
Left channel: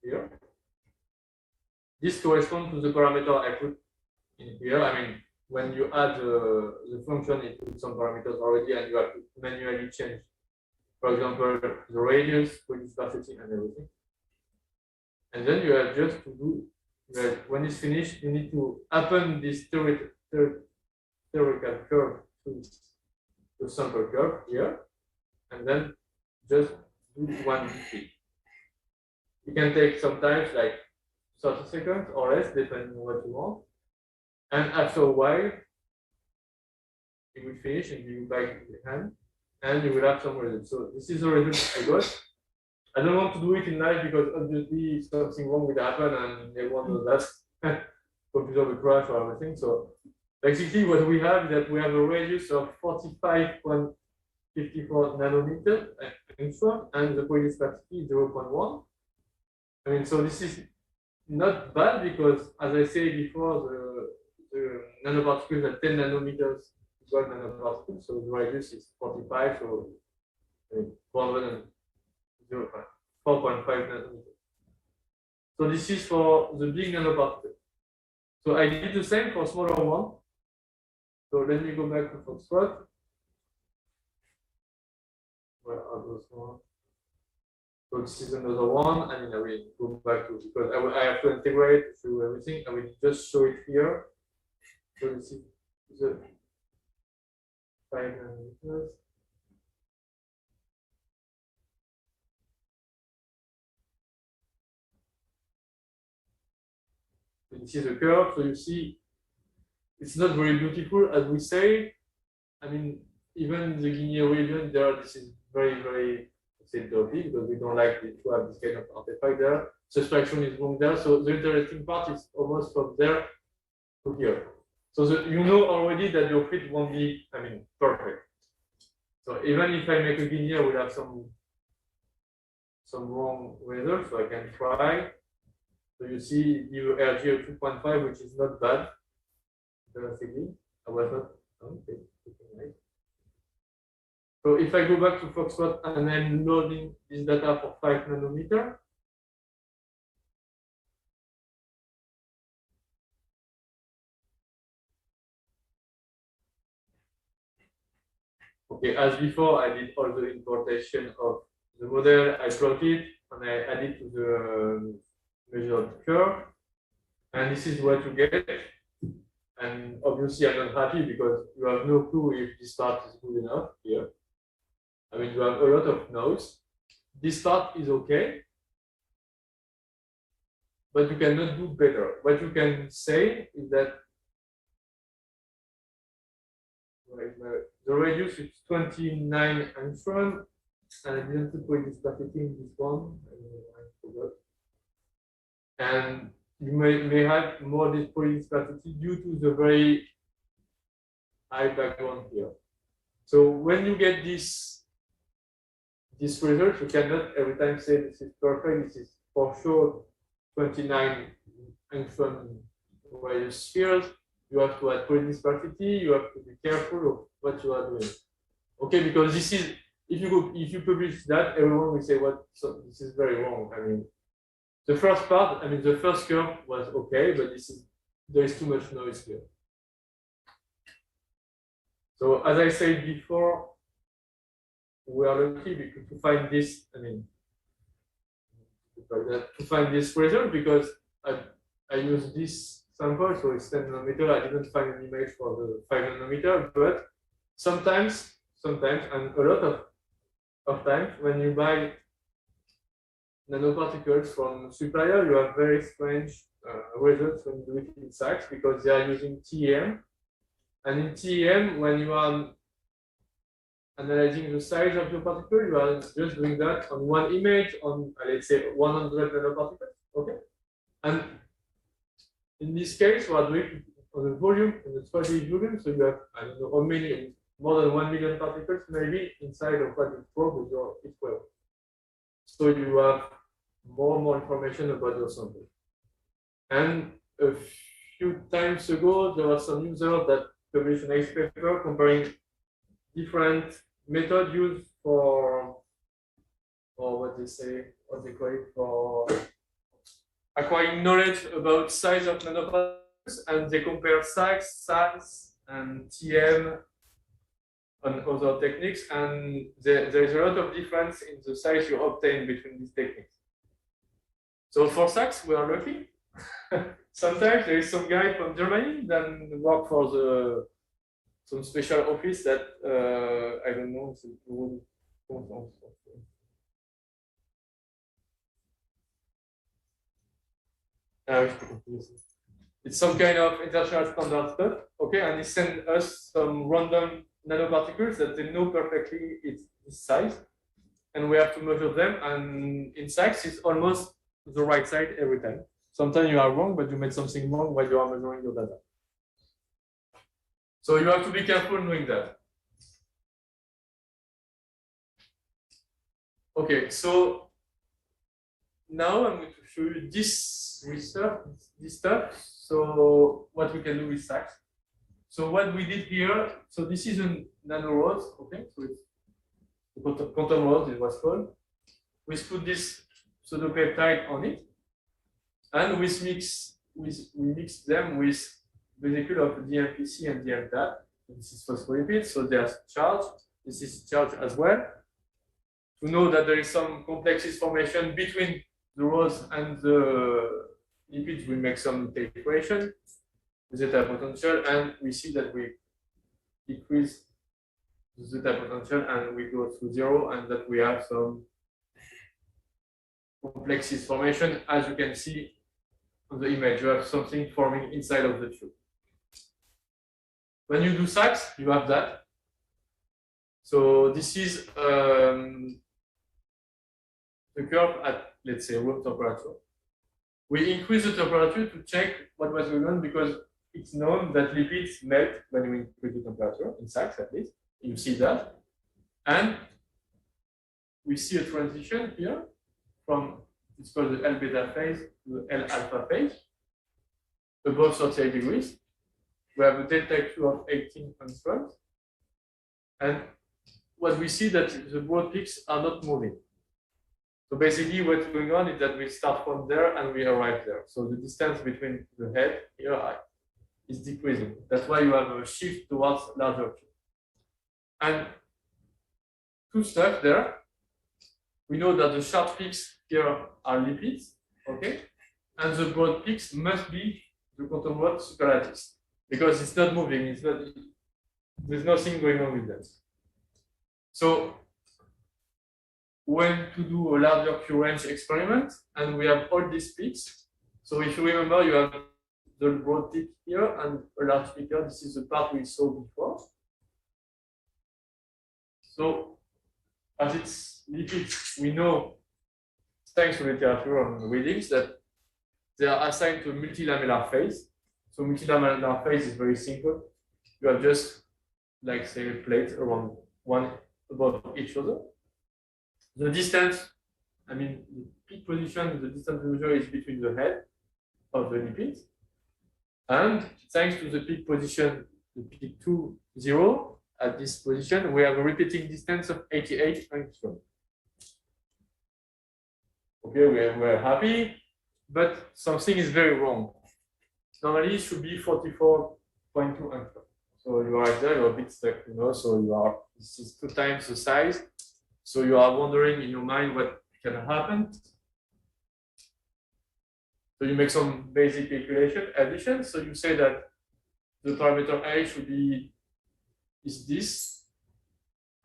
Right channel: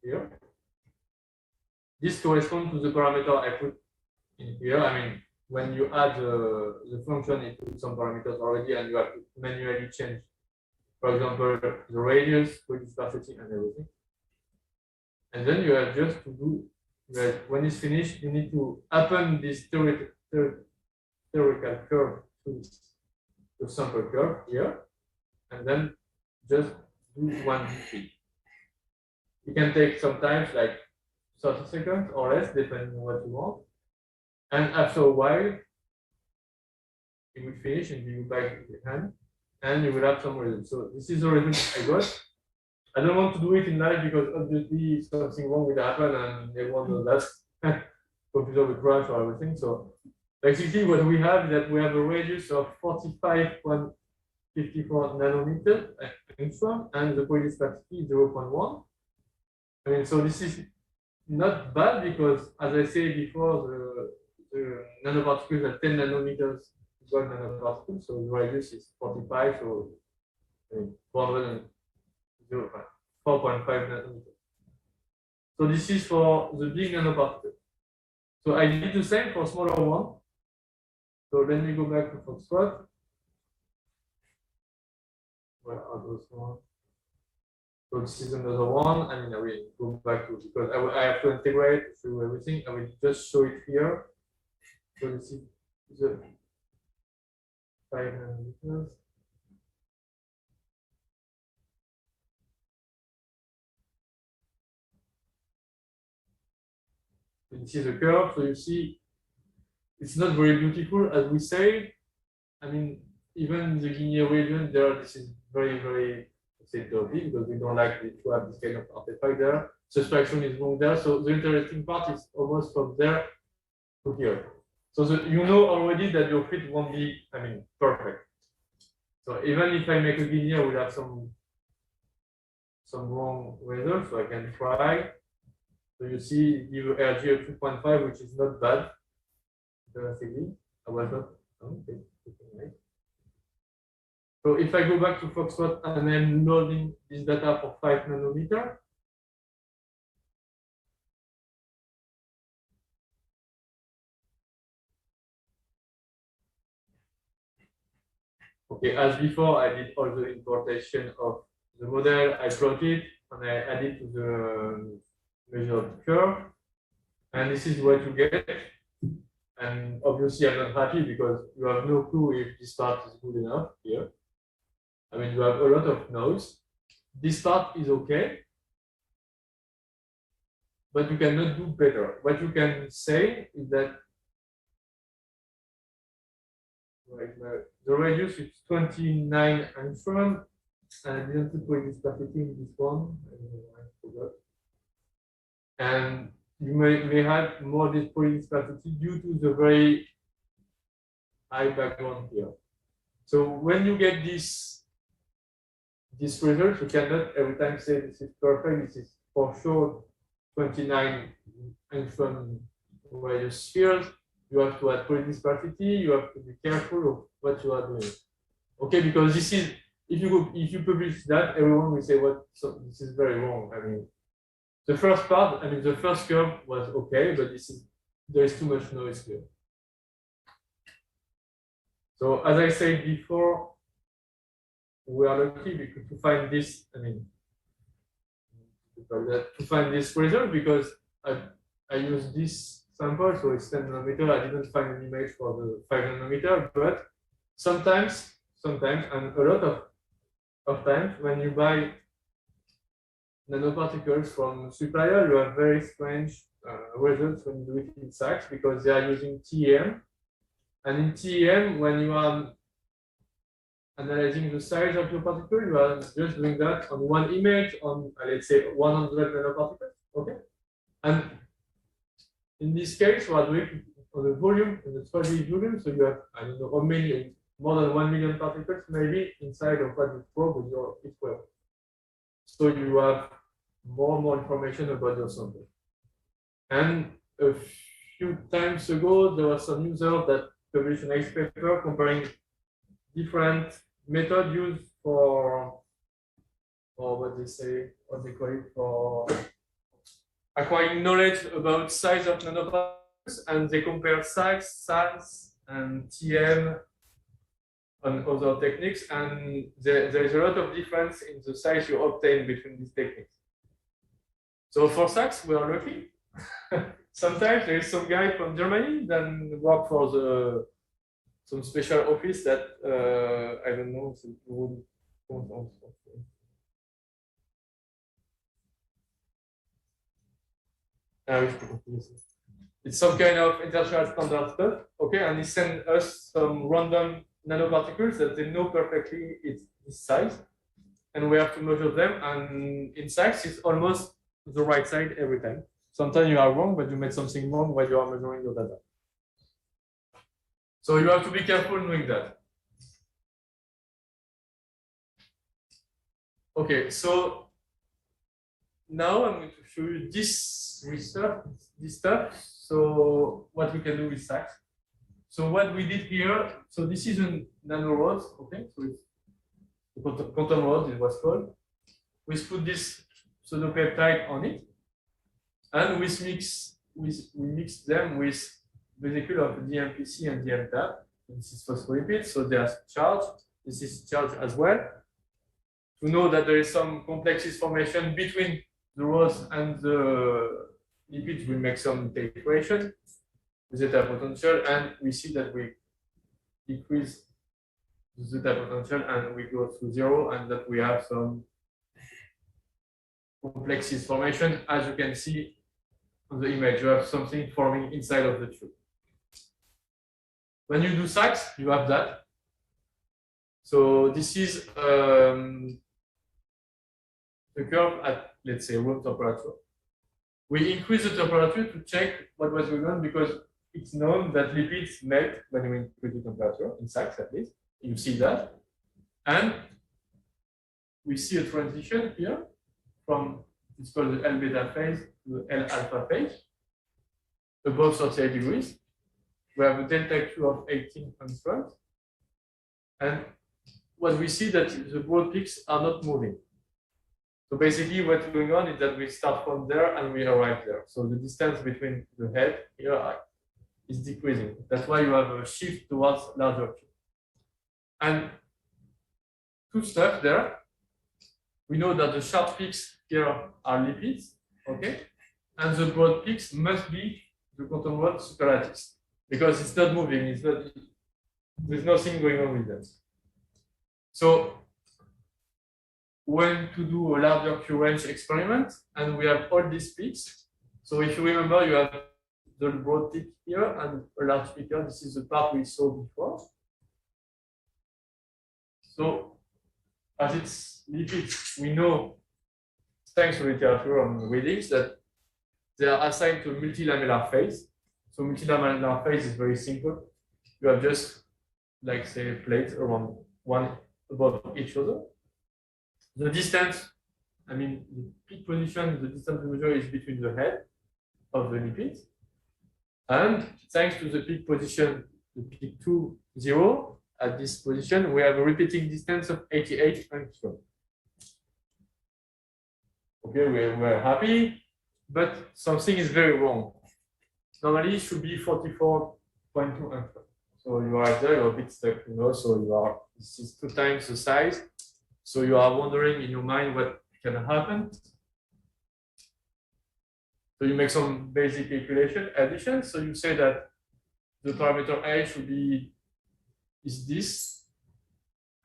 here. This corresponds to the parameter I put in here. I mean, when you add the function, it puts some parameters already, and you have to manually change, for example, the radius, poly-dispersity, and everything. And then you have just to do that. When it's finished, you need to append this theoretical curve to the sample curve here, and then just do one click. It can take sometimes like 30 seconds or less, depending on what you want. And after a while, it will finish and give you back the hand, and you will have some results. So this is the result I got. I don't want to do it in live because obviously something wrong will happen and everyone knows that. Computer will crash or everything. So basically what we have is that we have a radius of 45.54 nanometers and the poly-dispersity is 0.1. I mean, so this is not bad because, as I said before, the nanoparticles are 10 nanometers gold nanoparticles, so the radius is 45, so I mean, 4.5 nanometers. So this is for the big nanoparticle. So I did the same for smaller one. So let me go back to Foxtrot. Where are those ones? So this is another one. I mean, I will go back to, because I have to integrate through everything. I will just show it here. So this is the 5 nanometers. This is a curve, so you see it's not very beautiful as we say. I mean, even in the linear region there, this is very, very, let's say, dirty because we don't like to have this kind of artifact there. Subtraction is wrong there. So the interesting part is almost from there to here. So you know already that your fit won't be, I mean, perfect. So even if I make a linear, we'll have some wrong results, so I can try. So you see, you RG of 2.5, which is not bad. Interestingly, I was not. Okay. So if I go back to Foxtrot and I'm loading this data for 5 nanometer, okay, as before, I did all the importation of the model. I plotted and I added to the measured curve, and this is what you get. And obviously, I'm not happy because you have no clue if this part is good enough here. I mean, you have a lot of nodes. This part is okay, but you cannot do better. What you can say is that the radius is 29 angstrom, I didn't put point dispersity in this one. I forgot. And you may have more point dispersity due to the very high background here. So when you get this result, you cannot every time say this is perfect. This is for sure 29 angstrom radius spheres. You have to add point dispersity. You have to be careful of what you are doing. Okay, because this is if you publish that, everyone will say what so this is very wrong. I mean, the first part, I mean the first curve was okay, but there is too much noise here. So as I said before, we are lucky because to find this, I mean, to find this result because I use this sample, so it's 10 nanometer. I didn't find an image for the 5 nanometer, but sometimes, and a lot of times, when you buy nanoparticles from supplier, you have very strange results when you do it in SACS because they are using TEM. And in TEM, when you are analyzing the size of your particle, you are just doing that on one image on, let's say, 100 nanoparticles. Okay. And in this case, we are doing it on the volume, on the 3D volume. So you have, I don't know how many, more than 1 million particles maybe inside of what you probe with your equal. So you have more and more information about your sample. And a few times ago, there was some user that published a nice paper comparing different methods used for what they call it, for acquiring knowledge about size of nanoparticles, and they compare SACS, SAS, and TM on other techniques, and there is a lot of difference in the size you obtain between these techniques. So for SACS, we are lucky. Sometimes there is some guy from Germany that work for some special office that I don't know. It's some kind of international standard stuff, okay? And he sent us some random nanoparticles that they know perfectly it's this size, and we have to measure them. And in SACS, it's almost the right side every time. Sometimes you are wrong, but you made something wrong while you are measuring your data. So you have to be careful doing that. Okay, so now I'm going to show you this stuff. So what we can do with SACS. So what we did here, so this is a nanorods, okay? So it's the quantum rods, it was called. We put this pseudopeptide on it, and we mix them with vesicule of DMPC and DMTAP. This is phospholipids, so they are charged. This is charged as well. To know that there is some complexes formation between the rods and the lipids, we make some equation, zeta potential, and we see that we decrease the zeta potential and we go to 0, and that we have some complexes formation. As you can see on the image, you have something forming inside of the tube. When you do SACS, you have that. So this is the curve at, let's say, room temperature. We increase the temperature to check what was going on because it's known that lipids melt when you increase the temperature, in SACS at least. You see that. And we see a transition here from, it's called the L beta phase to the L alpha phase, above 38 degrees. We have a delta Q of 18 angstroms. And what we see that the broad peaks are not moving. So basically what's going on is that we start from there and we arrive there. So the distance between the head here is decreasing. That's why you have a shift towards larger Q. And two stuff there. We know that the sharp peaks here are lipids, okay? And the broad peaks must be the quantum rod superlattice because it's not moving, it's not, there's nothing going on with them. So when to do a larger Q range experiment, and we have all these peaks. So if you remember, you have the broad peak here and a large peak here. This is the part we saw before. So as it's lipids, we know, thanks to literature on readings, that they are assigned to a multilamellar phase. So multilamellar phase is very simple. You have just, like, say, plates around one above each other. The distance, I mean, the peak position, the distance measure is between the head of the lipids. And thanks to the peak position, the peak 2, 0, at this position, we have a repeating distance of 88 angstrom. Okay, we're happy, but something is very wrong. Normally, it should be 44.2 angstrom. So you are there, you're a bit stuck, you know, so you are, this is 2 times the size. So you are wondering in your mind what can happen. So you make some basic calculation, addition. So you say that the parameter A should be is this,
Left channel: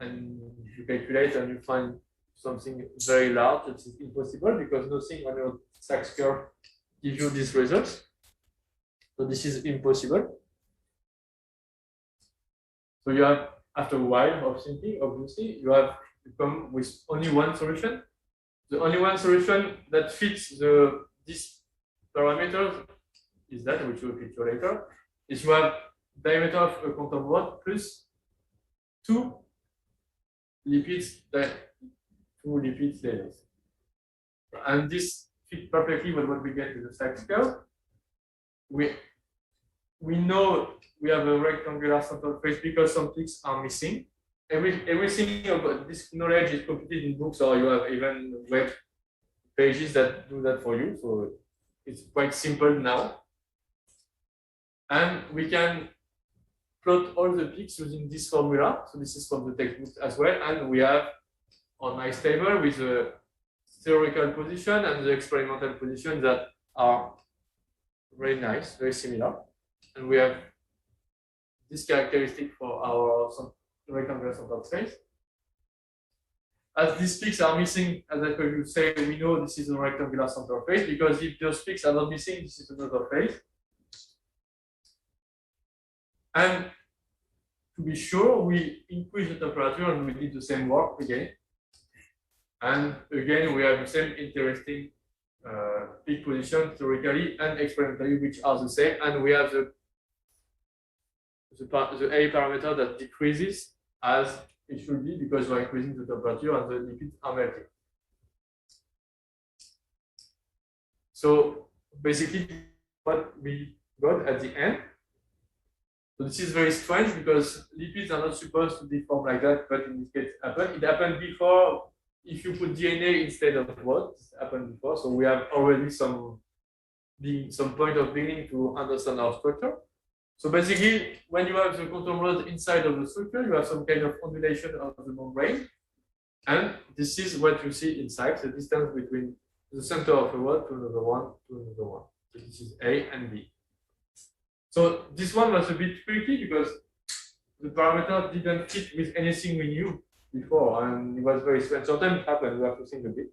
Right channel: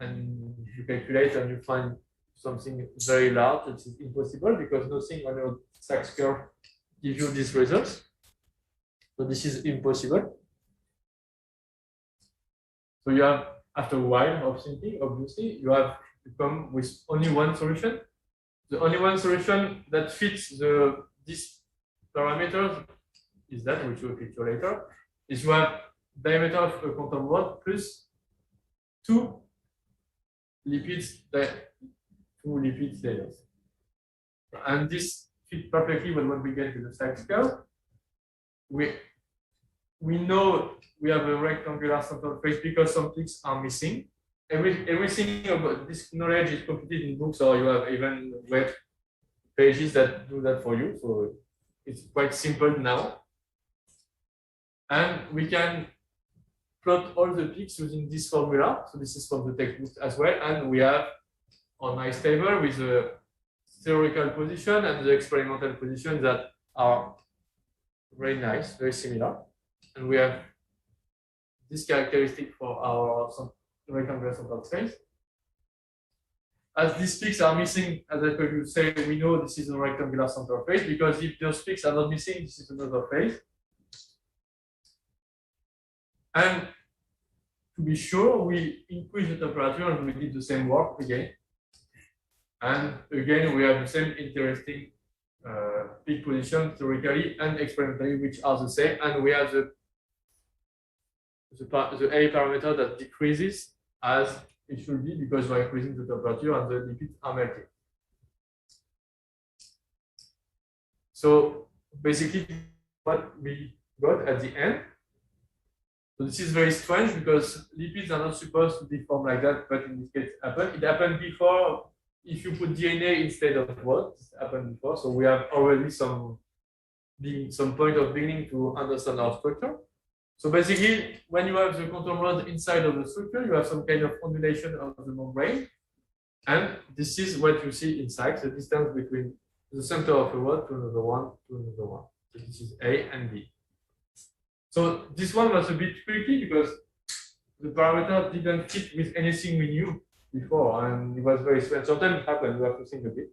and you calculate and you find something very large. It's impossible because nothing on your SAX curve gives you these results. So this is impossible. So you have, after a while of thinking, obviously, you have to come with only one solution. The only one solution that fits these parameters is that, which we'll feature later, is you have diameter of a quantum rod plus 2 lipids layers. And this fits perfectly with what we get with the SAX curve. We know we have a rectangular central phase because some peaks are missing. Everything about this knowledge is completed in books, or you have even web pages that do that for you. So it's quite simple now. And we can plot all the peaks using this formula. So this is from the textbook as well. And we have a nice table with the theoretical position and the experimental position that are very nice, very similar. And we have this characteristic for our rectangular central phase. As these peaks are missing, as I previously said, we know this is a rectangular central phase, because if those peaks are not missing, this is another phase. And to be sure, we increase the temperature and we did the same work again. And again, we have the same interesting peak position theoretically and experimentally, which are the same. And we have the A parameter that decreases as it should be, because we're increasing the temperature and the lipids are melting. So basically, what we got at the end. So this is very strange because lipids are not supposed to be formed like that, but in this case, it happened before. If you put DNA instead of what happened before, so we have already some point of beginning to understand our structure. So basically, when you have the quantum rod inside of the structure, you have some kind of ondulation of the membrane, and this is what you see inside, the distance between the center of a rod to another one to another one. So this is A and B. So this one was a bit tricky because the parameter didn't fit with anything we knew before, and it was very strange. Sometimes it happens, you have to think a bit.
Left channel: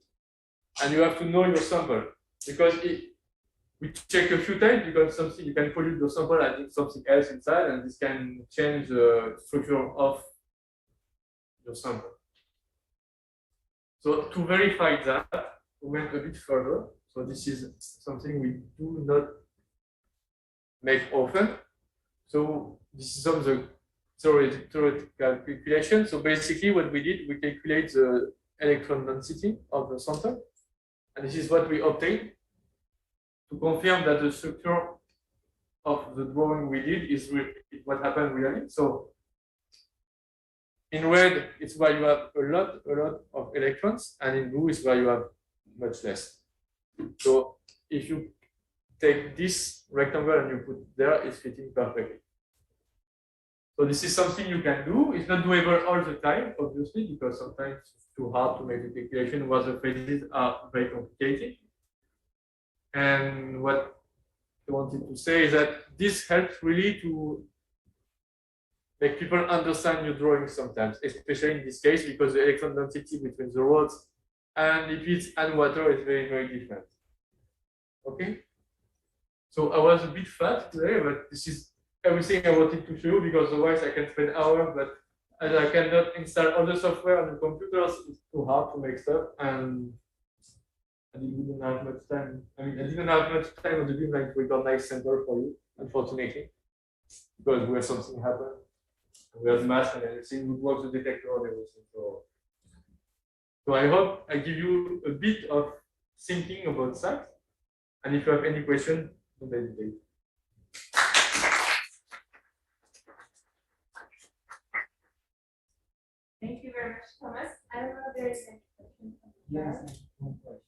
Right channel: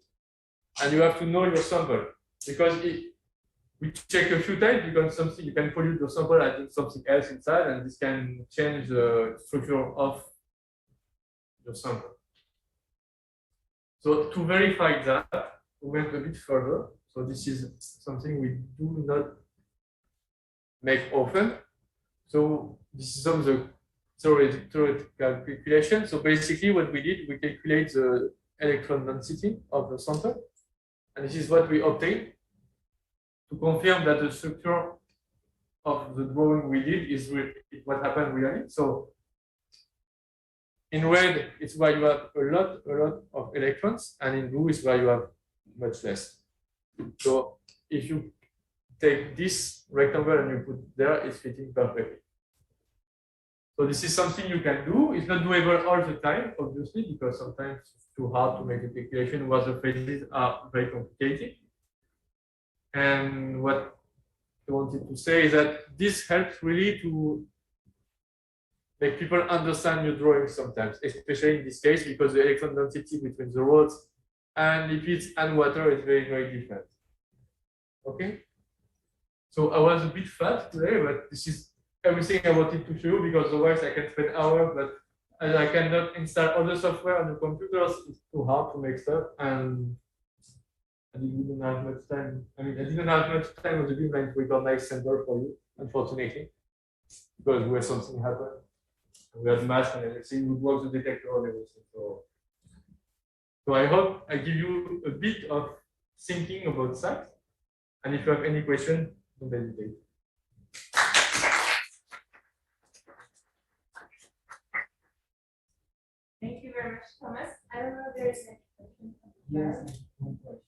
And you have to know your sample, because we check a few times, because something you can pollute your sample, adding something else inside, and this can change the structure of your sample. So to verify that, we went a bit further. So this is something we do not make often. So this is some of the theoretical calculation. So basically what we did, we calculate the electron density of the sample. And this is what we obtained to confirm that the structure of the drawing we did is what happened really. So in red, it's where you have a lot of electrons, and in blue is where you have much less. So if you take this rectangle and you put there, it's fitting perfectly. So this is something you can do. It's not doable all the time, obviously, because sometimes it's too hard to make the calculation while the phases are very complicated. And what I wanted to say is that this helps really to make people understand your drawing sometimes, especially in this case, because the electron density between the rods and lipids and water is very, very different. Okay? So I was a bit fast today, but this is everything I wanted to show you, because otherwise I can spend hours, but as I cannot install all the software on the computers, it's too hard to make stuff, and I didn't have much time. I mean, I didn't have much time on the beamline to record nice sample for you, unfortunately, because where something happened, we had mask and everything, we work the detector and everything. So I hope I give you a bit of thinking about SACS, and if you have any question, don't hesitate. Thank you very much, Thomas. I don't know if there is any question. Yes, one question.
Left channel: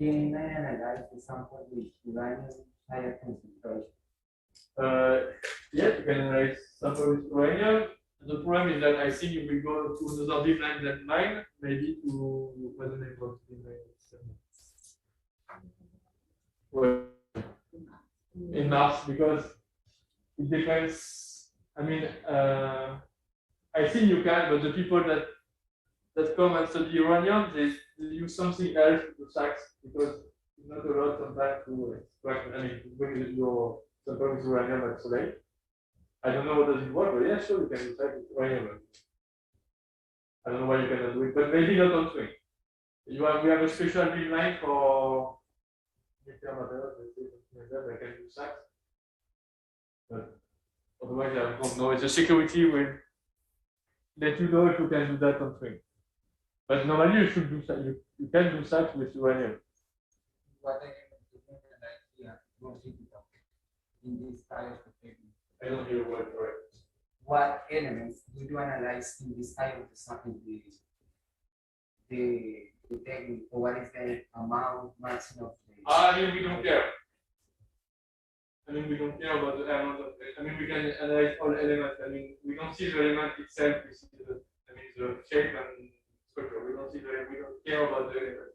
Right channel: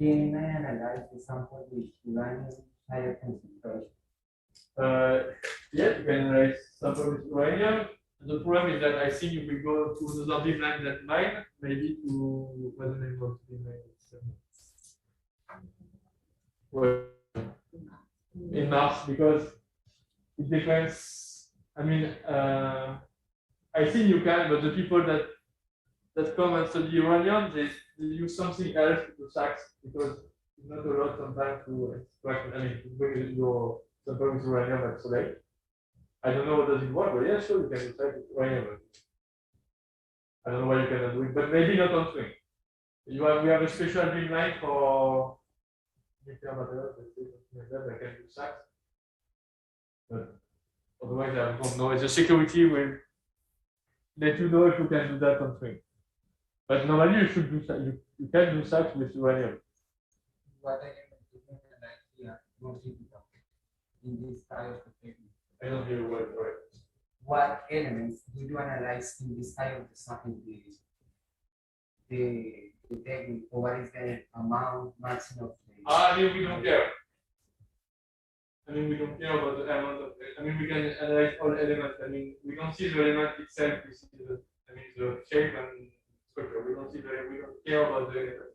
Can I analyze the sample with uranium higher concentration? Yeah, you can analyze sample with uranium. The problem is that I think if we go to another beamline than mine, maybe to what's the name of the beamline? Well, in Mars, because it depends. I mean, I think you can, but the people that come and study uranium, they use something else to SACS because it's not a lot sometimes to extract. I mean, to bring your sample with uranium at SOLEIL. I don't know what does it work, but yeah, sure, you can do SACS with uranium. I don't know why you cannot do it, but maybe not on swing. We have a special beamline for nuclear materials, something like that. I can do SACS, but otherwise I don't know. The security will let you know if you can do that on swing. But normally you should do that. You can do SACS with uranium. What I can more difficult in this style of technique. I don't hear what right. What elements do you analyze in this style of the sampling the technique, or what is the amount maximum? I mean, we don't care. I mean, we don't care about the amount of. I mean, we can analyze all elements. I mean, we don't see the element itself. We see the shape and structure. We don't care about the element.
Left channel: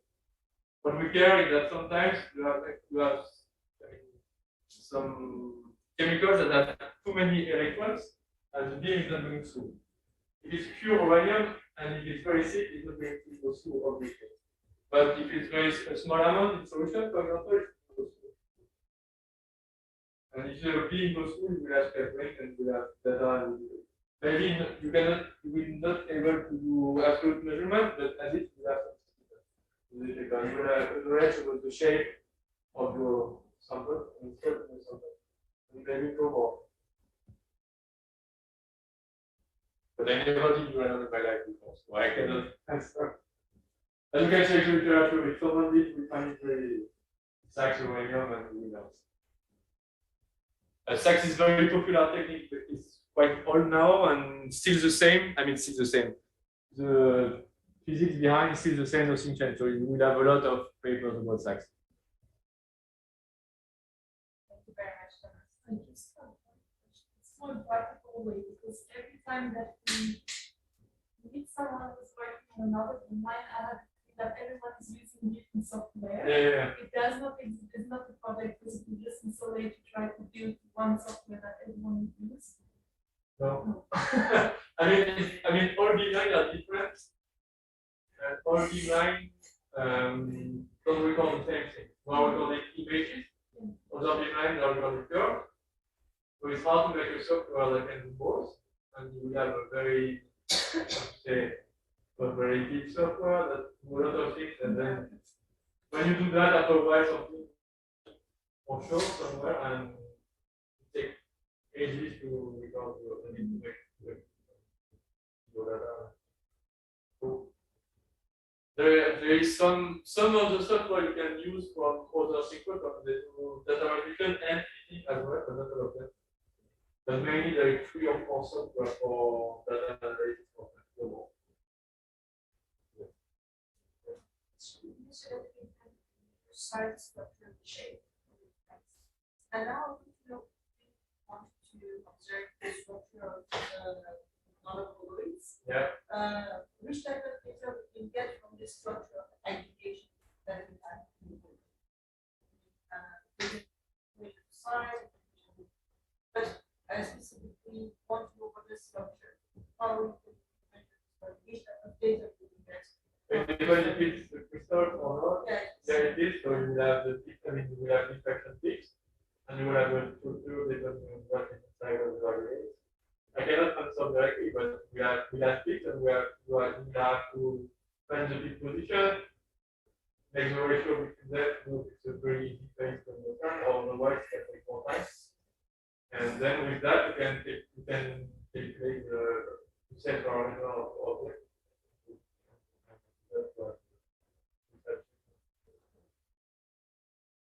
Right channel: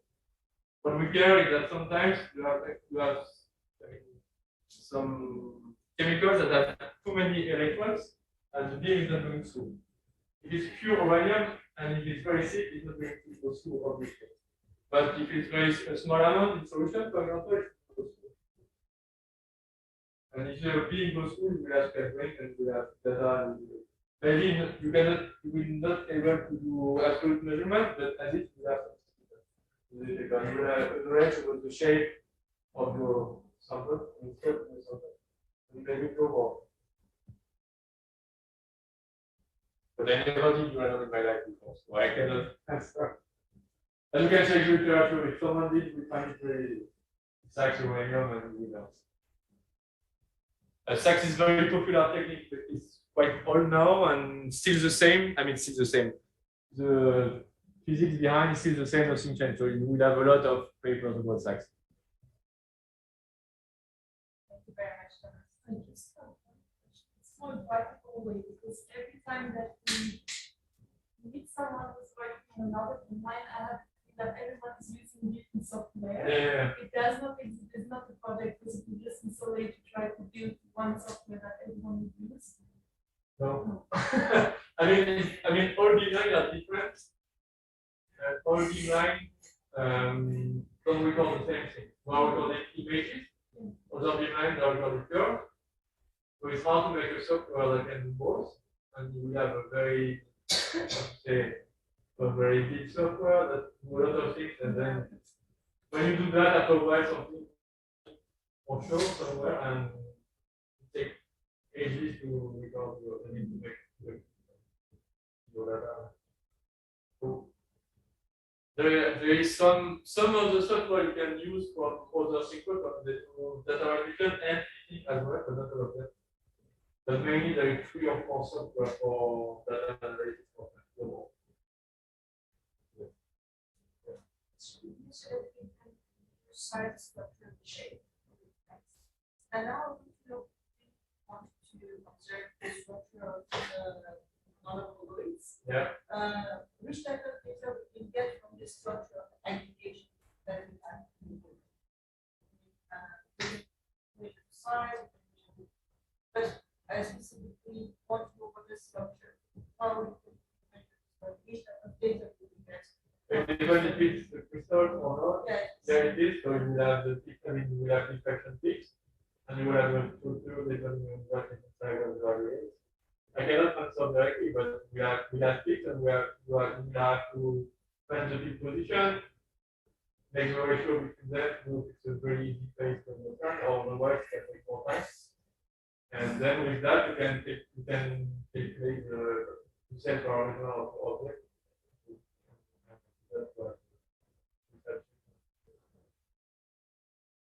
What we care is that sometimes you have some chemicals that have too many electrons, and the beam is not going through. If it's pure uranium and if it's very thick, it's not going to go through all these things. But if it's a small amount in solution, for example, it goes through. And if the beam goes through, you will have spectrum and you will have data. Maybe you will not able to do absolute measurement, but at least you will have something. Because you will have a range about the shape of your sample and shape of the sample. And maybe go more. But I never did uranium in my life before, so I cannot answer. And you can check the literature. If someone did, we find it very SACS uranium and we know. SACS is very popular technique, but it's quite old now and still the same. I mean, still the same. The physics behind is still the same, nothing changed. So you will have a lot of papers about SACS. Thank you very much, Thomas. I just have one question. It's more practical way because every time that we meet someone who's working on another beamline, I have that everyone is using different software. Yeah. It does not exist. It's not a project because we just isolate to try to build one software that everyone will use. No. I mean, all beamlines are different. All beamlines don't record the same thing. One are recording images. Other beamlines are recording curves. So it's hard to make a software that can do both. And we have a very, very deep software that do a lot of things, and then when you do that, after a while something will show somewhere, and it takes ages to record your need to make your data. So there is some of the software you can use from other synchrotron that do data manipulation and editing as well, but not all of them. But mainly there is 3 or 4 software for data analysis for global. Side structure shape. And now we want to observe the structure of the molecules. Yeah. Which type of data we can get from this structure of aggregation that we have? Size, but I specifically want to know what this structure. How we can measure which type of data we can get. Even if it's the crystal or not, there it is. So you will have the you will have diffraction peaks, and you will have a structure that you what is inside of the variables. I cannot answer directly, but we have peaks and we have to find the peak position, make the ratio between them, look it's a very easy place to understand, or otherwise it can take more time. And then with that you can take the set parameter of the object.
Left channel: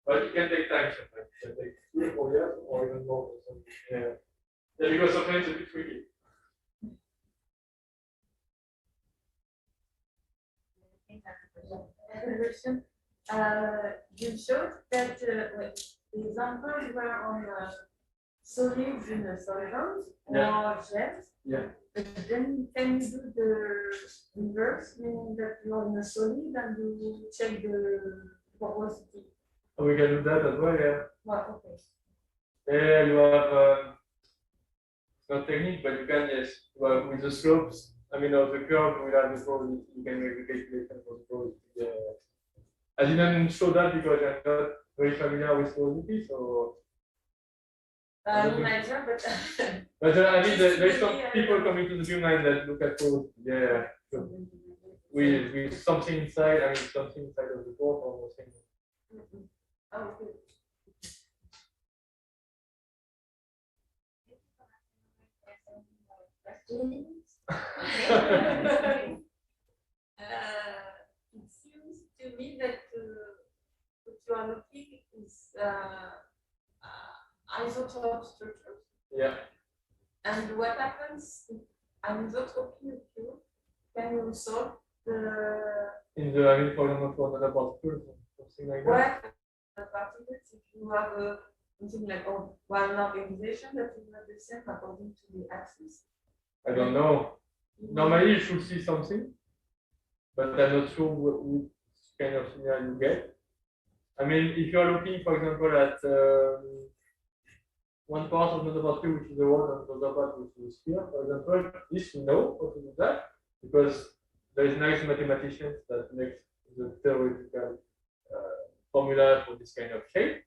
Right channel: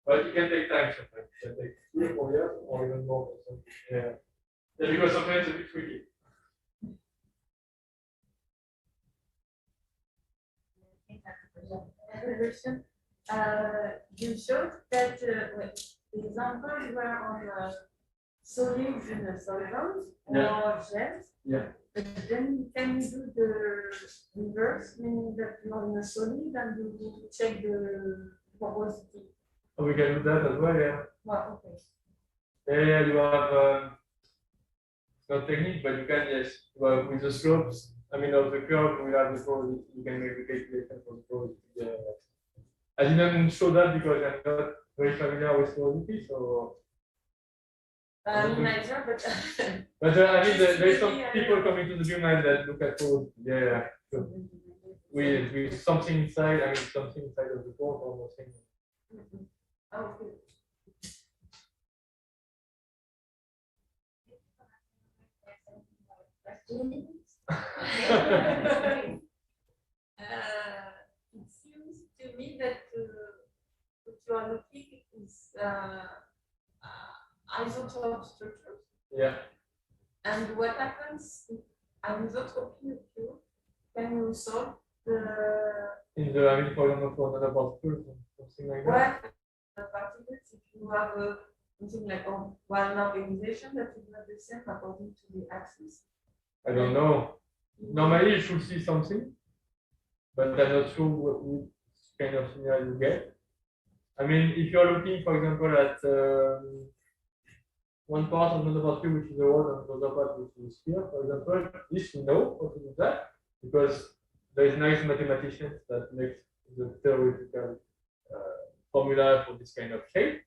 But it can take time sometimes. It can take 3 or 4 years or even more. Yeah. Yeah, because sometimes it's a bit tricky. Question. You showed that the examples were on solids in the solvent or gems. Yeah. But then can you do the reverse, meaning that you're in a solid and you check the porosity? Oh, we can do that as well, yeah. Well, okay. Yeah, you have it's not technique, but you can, yes, well, with the slopes. I mean, of the curve, we have the probability. You can make the calculation for the probability. I didn't show that because I'm not very familiar with probability, so. Neither, but. But I mean, there's some people coming to the Beamline that look at probability. Yeah. So with something inside, I mean, something inside of the board or something. Oh, good. It seems to me that what you are looking is isotope structures. Yeah. And what happens if anisotropy occurs? Can you solve the in the, I mean, for example, for another particles or something like that? What particles if you have something like one organization that is not the same according to the axis? I don't know. Normally you should see something, but I'm not sure which kind of signal you get. I mean, if you're looking, for example, at one part of another particle which is the rod and the other part which is a sphere, for example, this we know how to do that because there is nice mathematicians that make the theoretical formula for this kind of shape.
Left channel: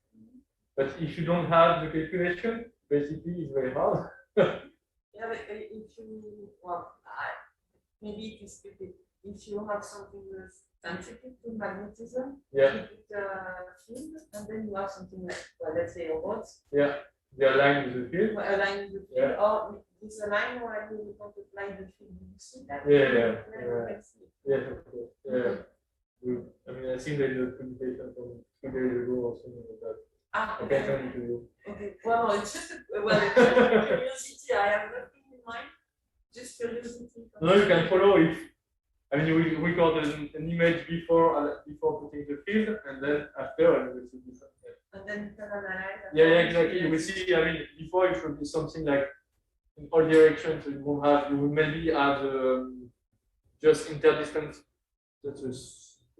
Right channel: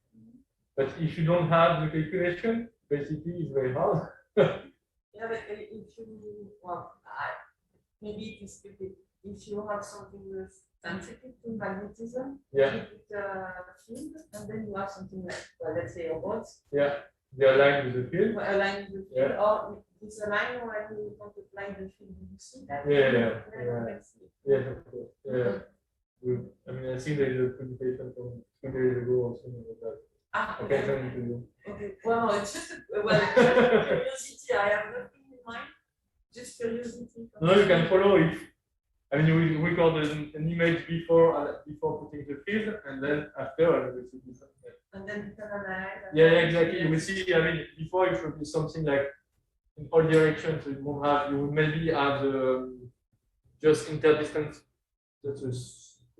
But if you don't have the calculation, basically it's very hard. Yeah, but if you, well, maybe it is stupid. If you have something that's sensitive to magnetism, yeah, you put a field, and then you have something like, well, let's say a rod. Yeah, they align with the field. Well, align with the field, Yeah. or it's a line where you want to apply the field. You see that? Yes, of course. Yeah. I mean, I think there is a presentation from 2 days ago or something like that. Okay, send it to you. Okay, well, it's just curiosity. I have nothing in mind, just curiosity. No, you can follow it. I mean, you will record an image before putting the field, and then after, and it will be something. And then you can analyze. Yeah, exactly. You will see. I mean, before it should be something like in all directions. So you will maybe have just interdistance. That is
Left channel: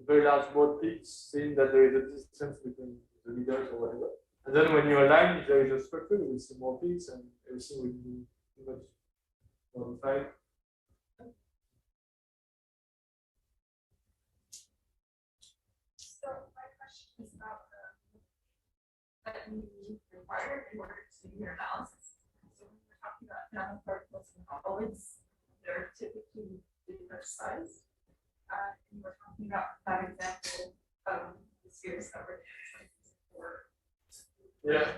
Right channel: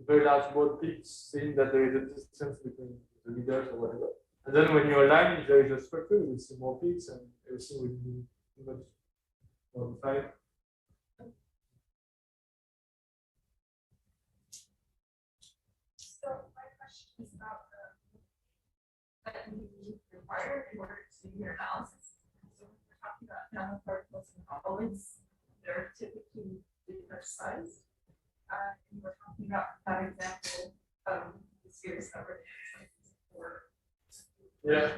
very large board peaks, saying that there is a distance between the leaders or whatever. And then when you align, if there is a structure, you will see more peaks and everything will be much more defined. So my question is about that you require in order to do your analysis. So when we're talking about nanoparticles and solids, they're typically different size. And we're talking about that example of the spheres that were before. Yeah.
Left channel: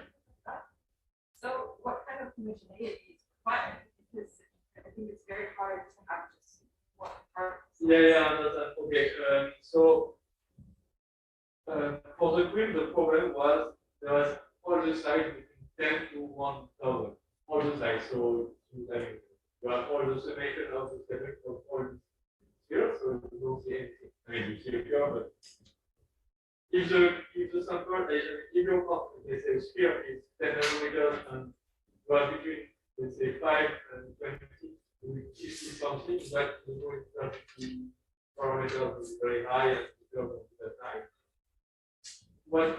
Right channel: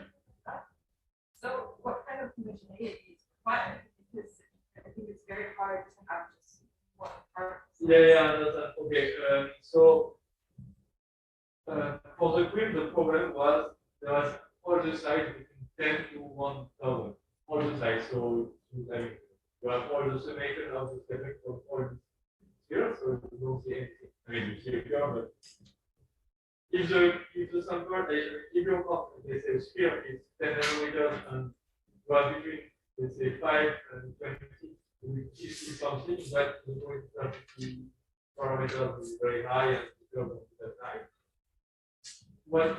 So what kind of homogeneity is required? Because I think it's very hard to have just one part. Yeah, okay. So for the grid, the problem was there was all the size between 10 to 1,000. All the size. So you have all the summation of the spectrum of all the spheres, so you don't see anything. I mean, you see a curve, but if the sample, if your let's say sphere is 10 nanometers and you are between, let's say, 5 and 20, you will see something that the parameters is very high and the curve is very high. What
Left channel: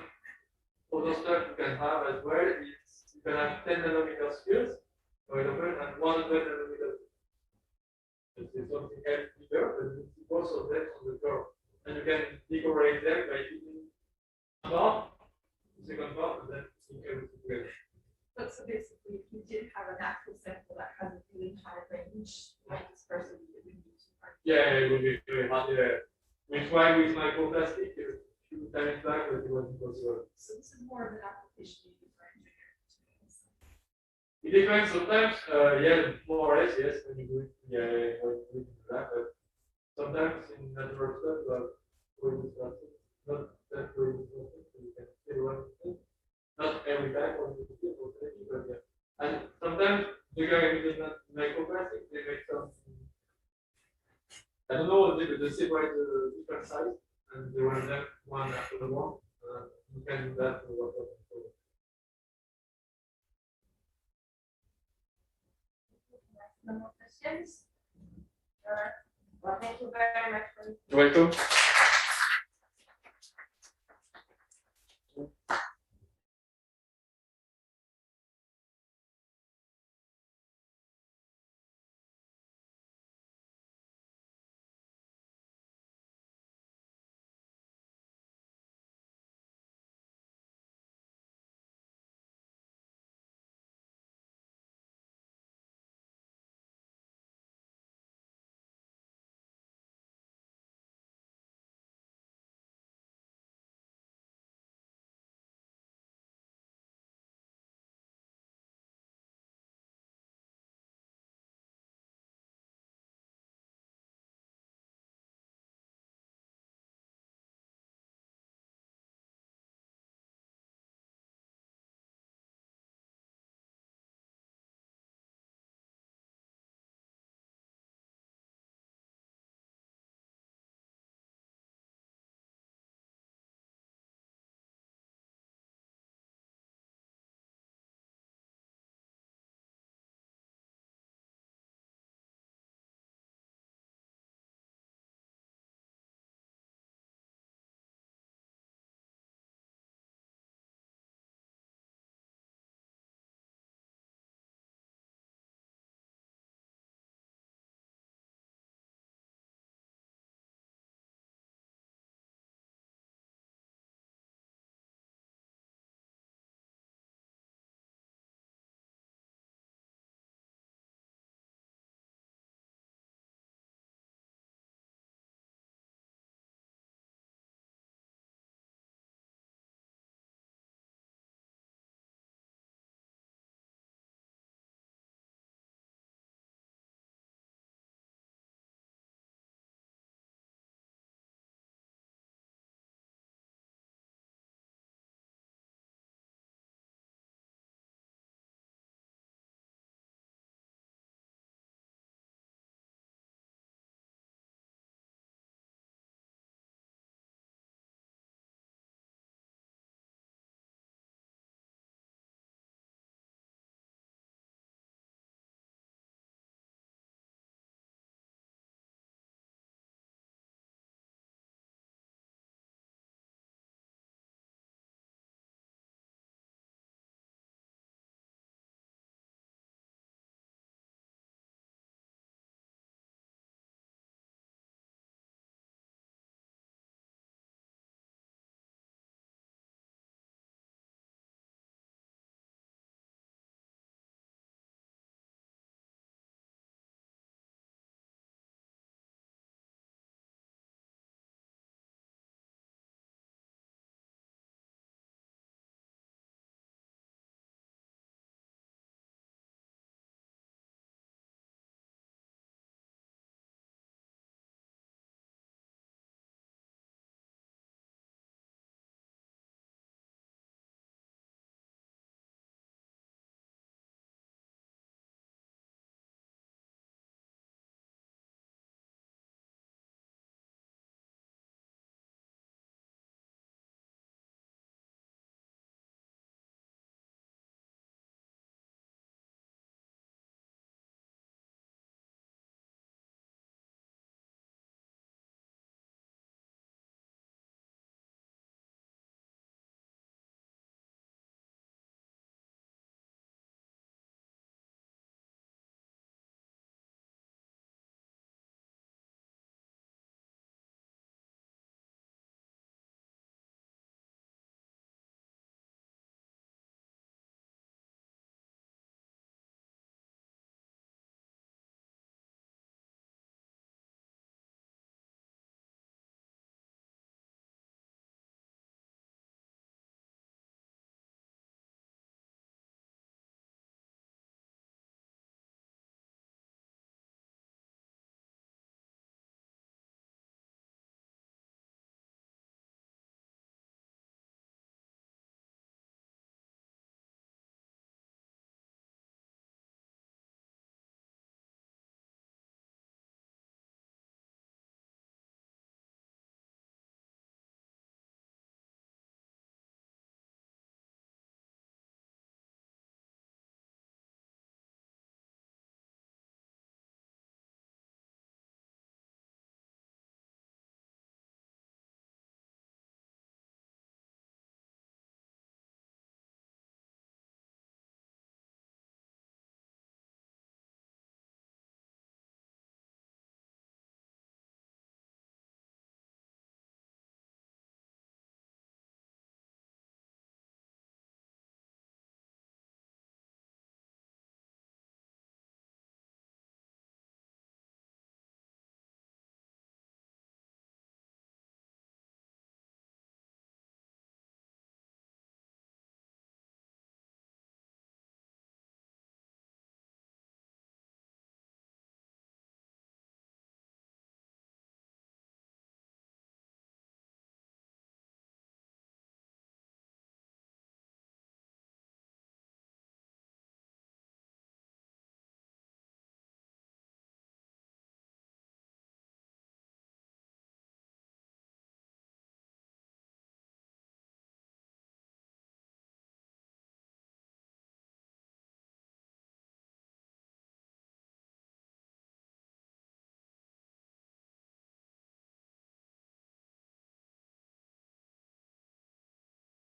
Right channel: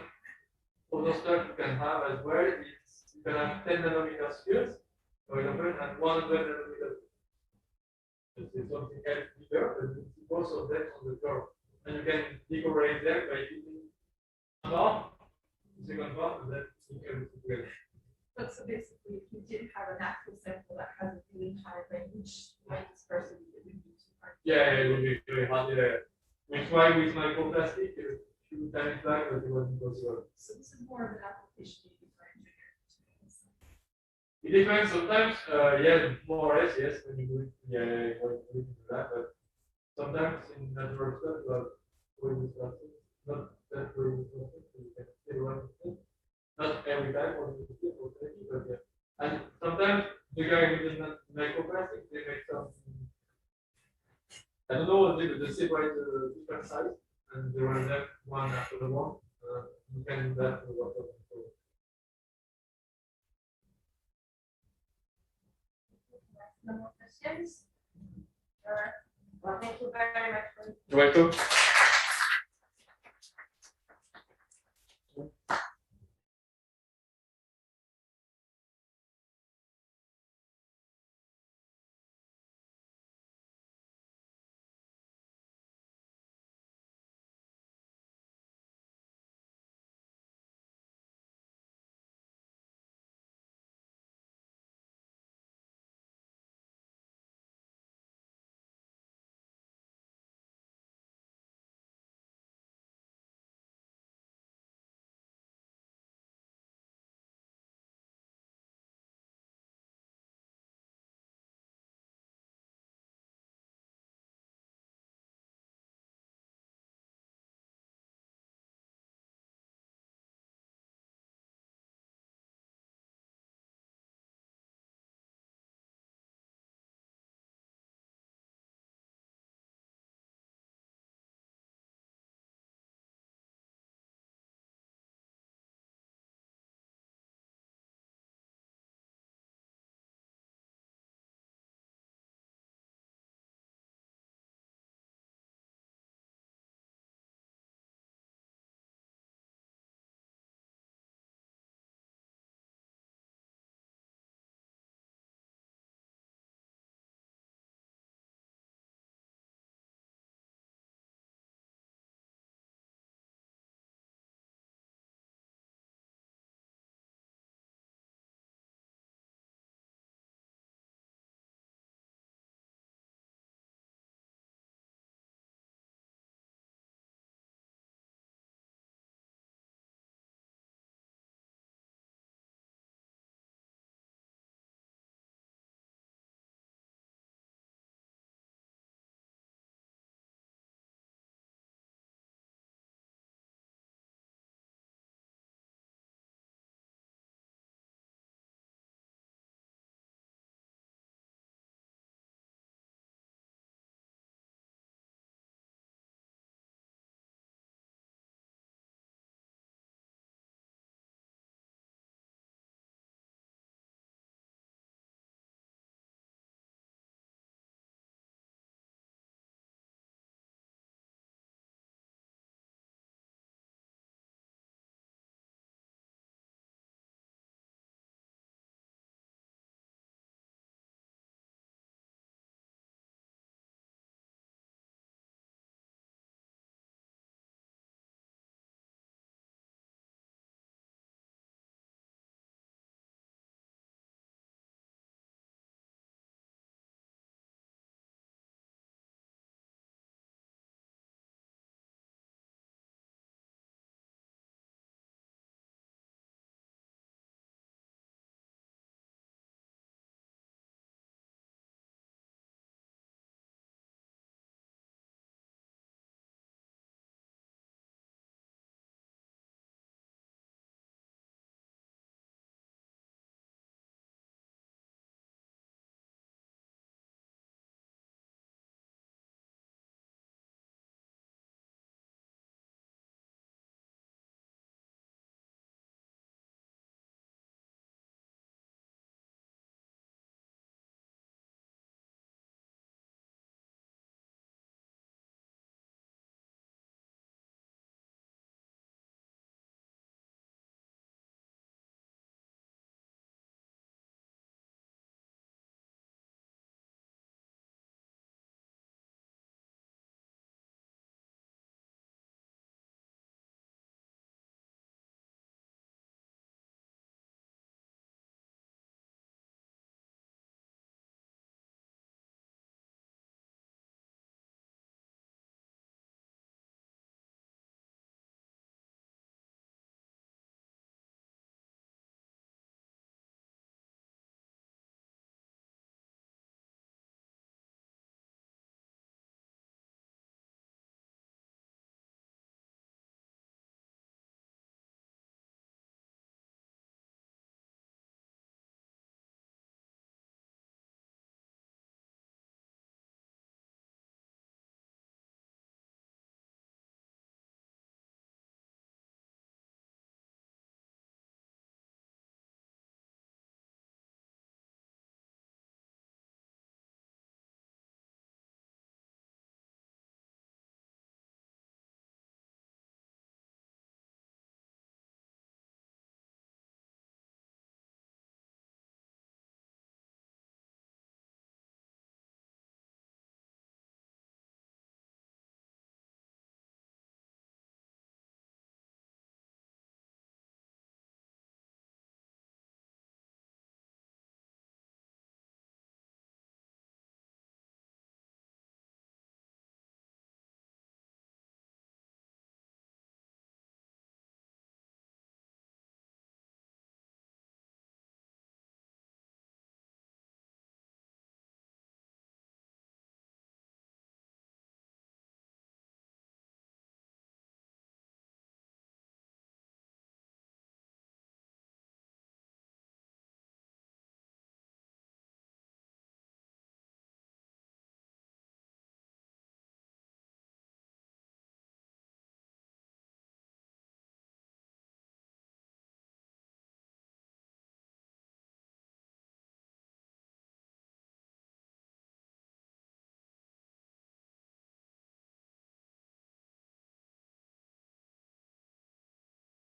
other stuff you can have as well is you can have 10 nanometer spheres, for example, and 100 nanometers. Let's say something else bigger, but you see both of them on the curve. And you can decorate them by picking part, the second part, and then you can put together. But so basically, if you did have an actual sample that has a Yeah, it would be very hard. Yeah. We tried with microplastic a few times back, but it wasn't possible. So this is more of an application maybe for engineers. It depends. Sometimes, yeah, more or less, yes, when you do it, yeah, when you do that. But sometimes in natural stuff, like going with plastic, not that going with plastic, so you can still run with it. Not every time, obviously, but yeah. And sometimes the guy who does not microplastic, they make some. I don't know, they separate the different size and they run them one after the one. You can do that for what No more questions? Well, thank you very much for You're welcome.